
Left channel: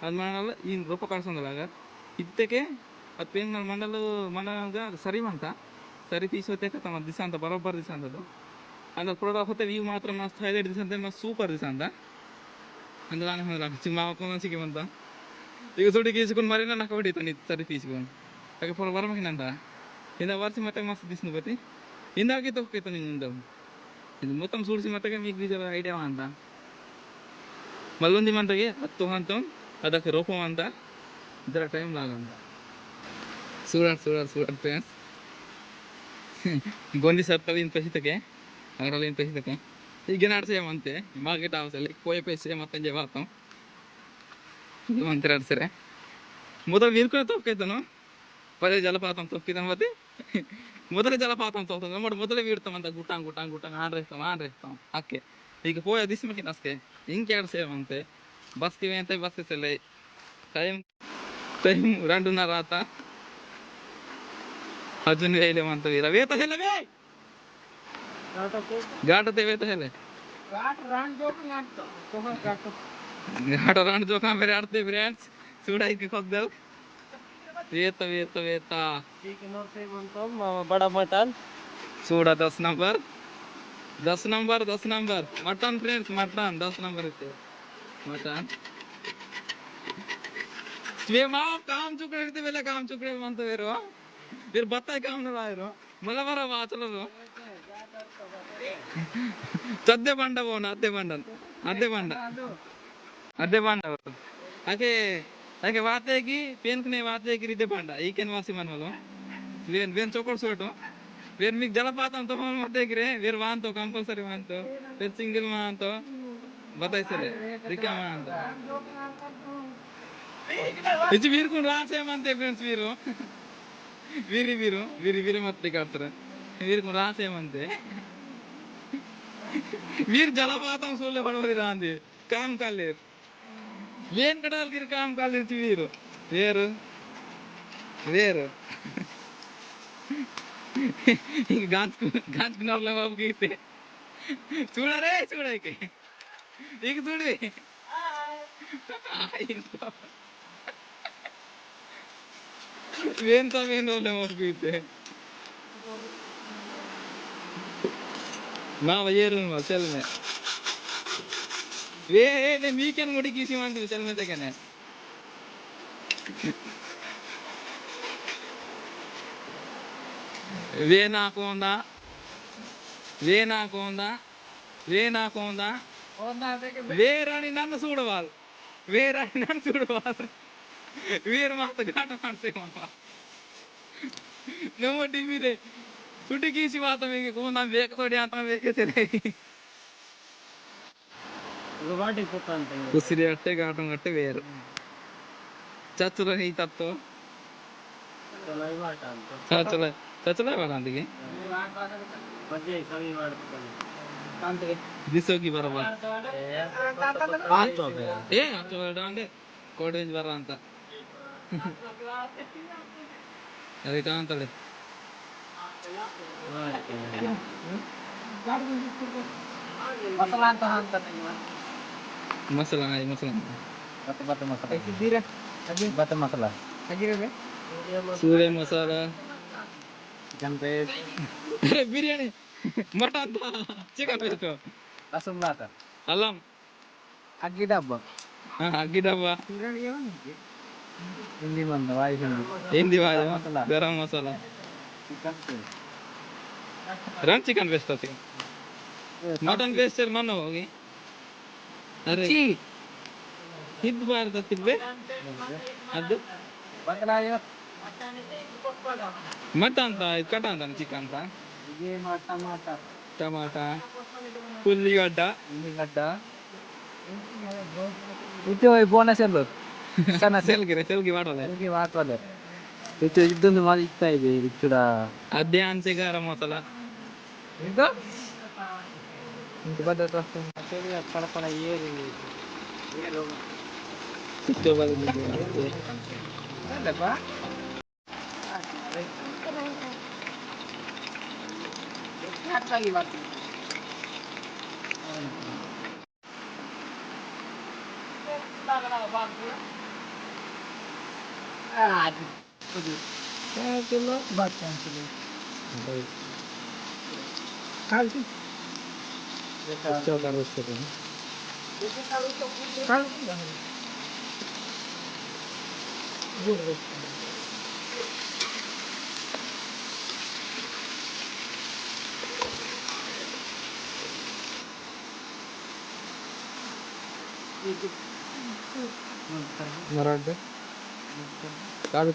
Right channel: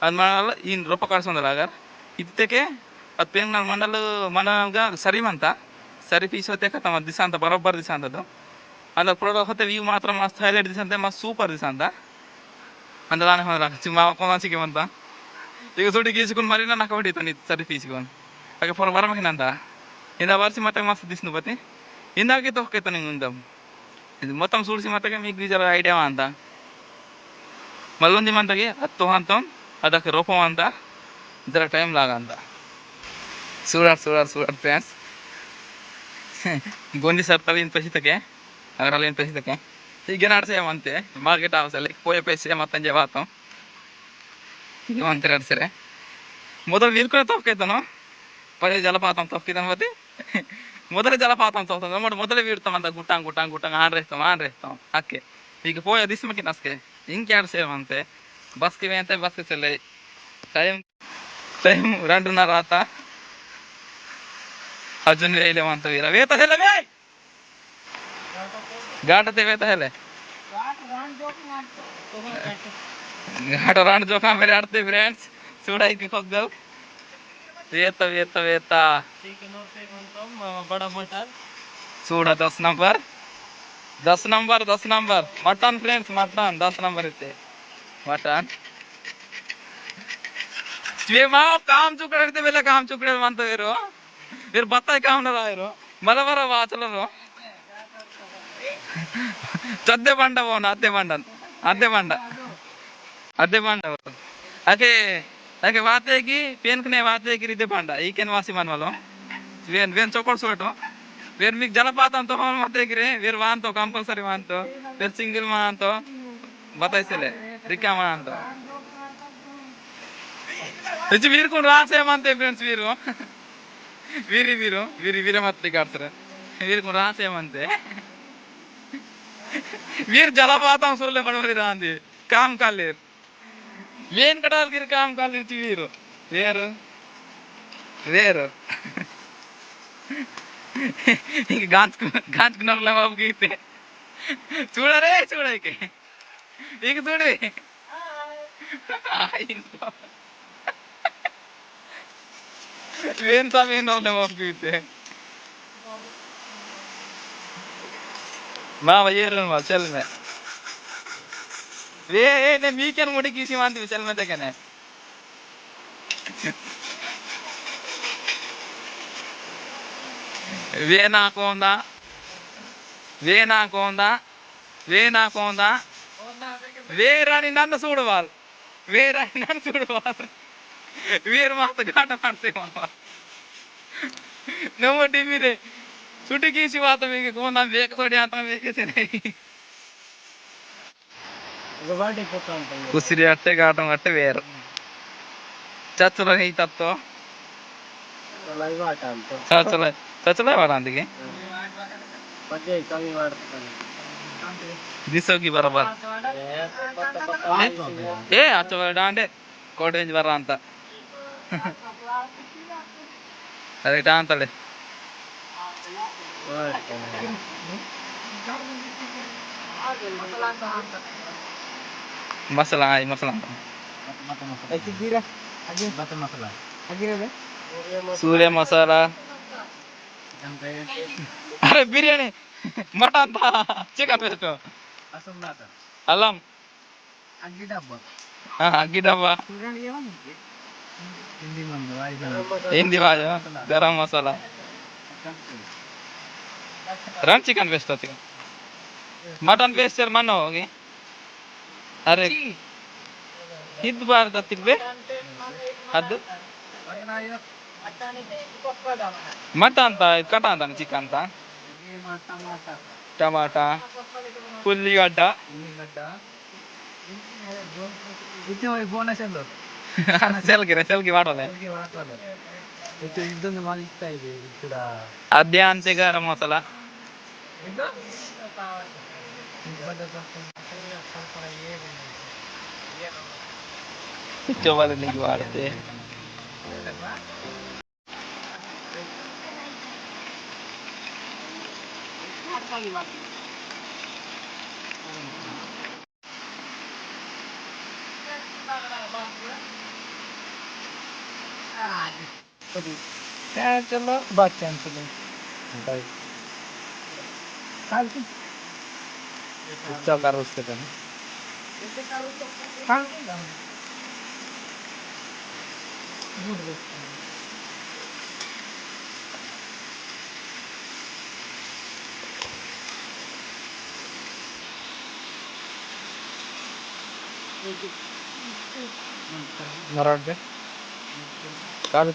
ಅದು ಮಾಡಲ್ಲ ಈ ರೂಪ ಕಳ್ಸೊಂದ లాగರ್ ಇತ್ತಕ್ಕೆ ಅದು ಪೆಂಗ್ನ ಮಂಡಲ ಮಂಡಲಗ ಸರಿಮಂತ ಸರಿ ಪೀಸ್ ಹೊತ್ತೆ ಕತಮ ದಿಸಂತ ಬರೋಬ್ಬರ್ ದಿಸಂತದು ಅಂದ್ರೆ ಪ್ರೋಡ ಹೊತ್ತೆ ವ್ಯೂ ಮಾತ್ರ ಮಸ್ತ್ ಹೈಲೈಟ್ ದಿಸಂತೆ ಮಸ್ತ್ ಸೂಪರ್ ದಿಸಂತ ಅಂದಲಾನೆ ಹೋದ ಚಿಮ್ಮ ಕೊನಾಸಿಗೆ ಮಂತ ಈಗ ಸುಡಿ ಗೀಸುಕೊಂಡು ಮರಿನ ನಕ ಹೊಡಿತಾನೆ ಸರಿ ಪೀಸ್ಕೊಂಡು ಹಾಗೆ ಫೋನ್ ಬರಮಕಿನಂತ ಇಂದ ಬರ್ಸಿ ಮತ್ತೆ ಮಸ್ತ್ ದಿಸ್ನು ಬತ್ತಿ ಇಂದಾಗೆ ತೊಕ್ಕೈತ ನಿಂಗೆ ಇದು ಮೊತ್ತ ಸೂಡಿಸಿ ಮತ್ತೆ మీకు ಜರ ಐಡಿಯಾ ಅಂತ మళ్ళీ మంతకి హత్తు అంతం అదొక రూపం అంతా ఇద్దరు టైం లాగా అంత చూడాలి ఫ్రెండ్స్ బొంది సర్తలు ఏం పెసితకే అగరాలు ఏం పెసితకే ಈಗ ನಡ್ಸೇವಂತೆ ಮಾರ್ಕೆಟ್ ಹೌಸಲ್ಲಿ ಪೋಯ ಪೈಸೆ ಮತ್ತಂಜೆ ಬಾತಂ ಇವಂತೆ ನಡ್ಸಿರೆ ಮೊದಲು ನೀರ್ಕೊನೆ ತೊಕ್ಕೈತನು ಪಡೆ ಜಲಪಾతం ತೊಕ್ಕಿದನು ಬತ್ತಿ ಮೊದಲೇ ಜಲಪಾతం ತೊಕ್ತದ ನೋಡಿ ಮೊದಲೇ ಬೀಡ್ತಾವಂತ ಗುಟ್ಟಂಗ್ ಆನ್ ಅಕ್ಕೆ ಈಗ ಪೋಯ ದಿಸ್ಮಕ್ಕೆ ನಸ್ಕೆ ಹಿಂಗೆ ಸೇವಂತೆ బస్కి పోతే బస్కి చెల్లాయి టైం 2:30 आता अजून वेळेला म्हणतो विरा वेता हेले वे घाट ते वेता हेले घाट रान जोका मेरे आडते फ्रेंड्स చూడాయి కొగ్గల్ వేత चिकन और पे बनता बड़ा मटन చూడ 10 number mutton friends mutton 10 number इथे मटन वे माव काम चुकडे बेले काम चुकडे म्हणतो वेर बत्ताय काम ना रायरो मला बरा वाचलो चद्दे ಬಂಡ ಹೋನ ಅದ್ದೆ ಬಂಡ आके वाते की पेन कने वाते की रिदे ಬಂಡ ಈಕೆನ್ ವಾಸಿ ಮನ್ವलो ವೇನ್ ಚೋಕೊಡ್ ಸೋಟೋ ವೇರ್ ಮಿಕ್ ಜಲಪಾತಂ तो हम मते गिरे ವೇರ್ ವಾಂತೋ ಕಂಪಲ್ಸರಿ ವಾಂತೋ ವೇರ್ ಸಿಂಗಲ್ ಮಾಂತೋ बताइसले रिका मांतो इज वीर को रासे मानते फ्रेंड्स वीर मत काटतर वीर को रासे मानते वीर जलपातम सोले बनवली रांदी काम कालेर वेन कटाल गिर काम कालेर वेर गांच नरला बाबू गीते చూడరే ಈಗ చూడు वेन सा वेन रोले मौके माँ ये रन चल में वे ने वीकेंड मुड़ी किसी मानती चल में तक ने वे ना कोंदा వేరాని నన్ను చూడవాలి వేరు మాత్రం ఘాట ಮಾಡ್ತೇ ನಮ್ಮ ಟಿವಿರೆ ಸುಟಿಕೀಸಿ ಮಾತ ಬೇಕೆ ಕೋನ ಬೇಕು ತೋಡಿ ಅಂತ ಬೇಕೆ गवाडी पोता ಅಂತ ಉಸಿರಿ ಅಟ್ಟೆ ಘಾಟಂ ಅಟ್ಟೆ ಬೇರು ಚಚ್ಚಲ ಹೈ ತತ್ತೋ ಲೈವ್ ಆಟ ಅಂತ ಚಚ್ಚಲ ವಾಡ ಅಂದಿಗೆ ಮಧ್ಯೆ ಕಮ್ಮಿ ಮಾಡ್ತಾರೆ ದಿಸೋಗಿ ಬರಬಾರ ಏ ಅಚ್ಚ ಡಾಂಡೆ ಕೋಟೇಂಜ್ ಬರ ಅಂತ ಅದಕ್ಕೆ ಡಾ ಅಂತಳೆ ಮಸಾಲ सूर्य मसाला अरे बिर्याणी मटन था चिकन पेस्ट अल्लम अग्गी डब्बा अग्गी डब्बा हिंदी भाषा गरम मसाला रन चिकन पेस्ट था मटन पेस्ट मन होगी अरे हिंद बार तिब्बे ಅದು मटन था कटा था चिकन था टमाटा उल्लीगड्ड itu bonus itu. సెల్కి వాడాలి Ini apa tuh? Itu tuh mali itu itu dah. అదే అంతే garam masala Itu? Itu pada tuh. Kalau kalau iya ini. Iya loh. తెచ్చేవాళ్ళు నీకు వాడితే Ada apa? Ada lagi bang. Aduh. Aduh. Ya चलो बात cancel है. Bye कल की తెచ్చావు కర్ర వస్తే కానీ कल गुड మరాడు కాదు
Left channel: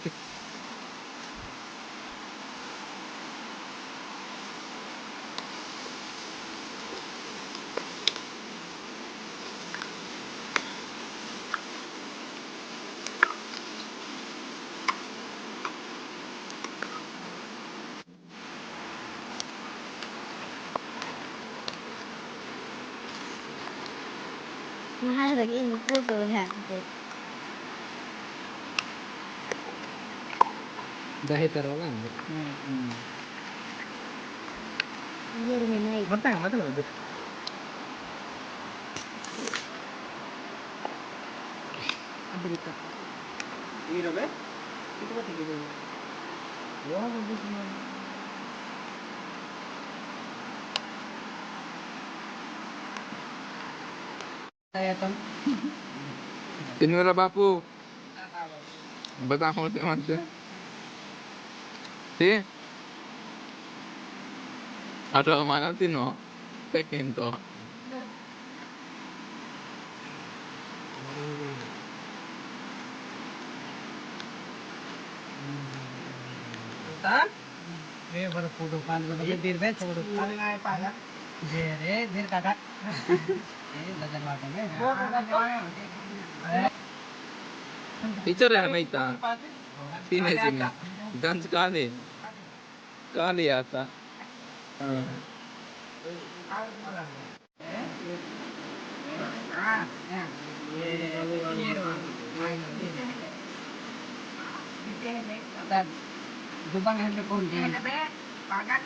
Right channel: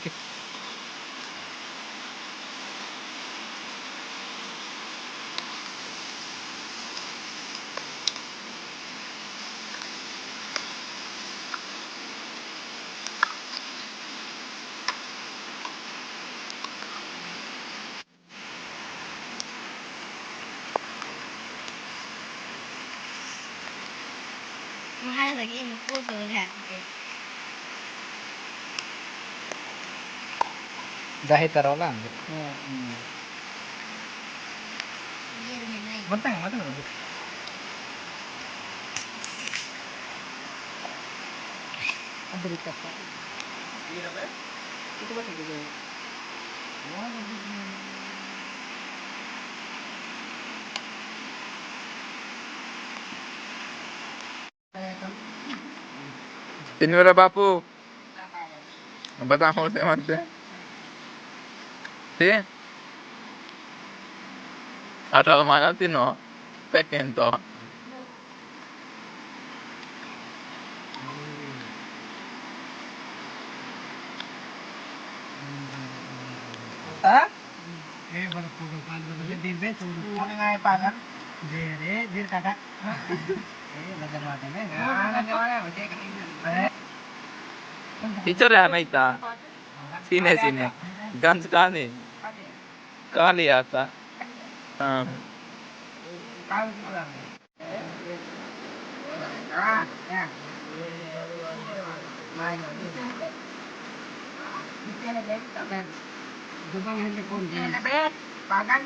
Hai là cái vô cửa hàng Dahil taro lang. Iya dengan này Matang, matang. ada di toko. Ini be? Itu ba tigil? Wah, bagus naman. Saya tam. తినివరా బాపు బతా होते मत ती atau mana tino pekin to Ta? Pada pudo kan, dir be pudo. Ano nga pagan? Dir kakak. Lajar wakan be. Teacher है नहीं था सीने सीने गंज काली काली आता हाँ Jepang yang dikondisi. Pagan.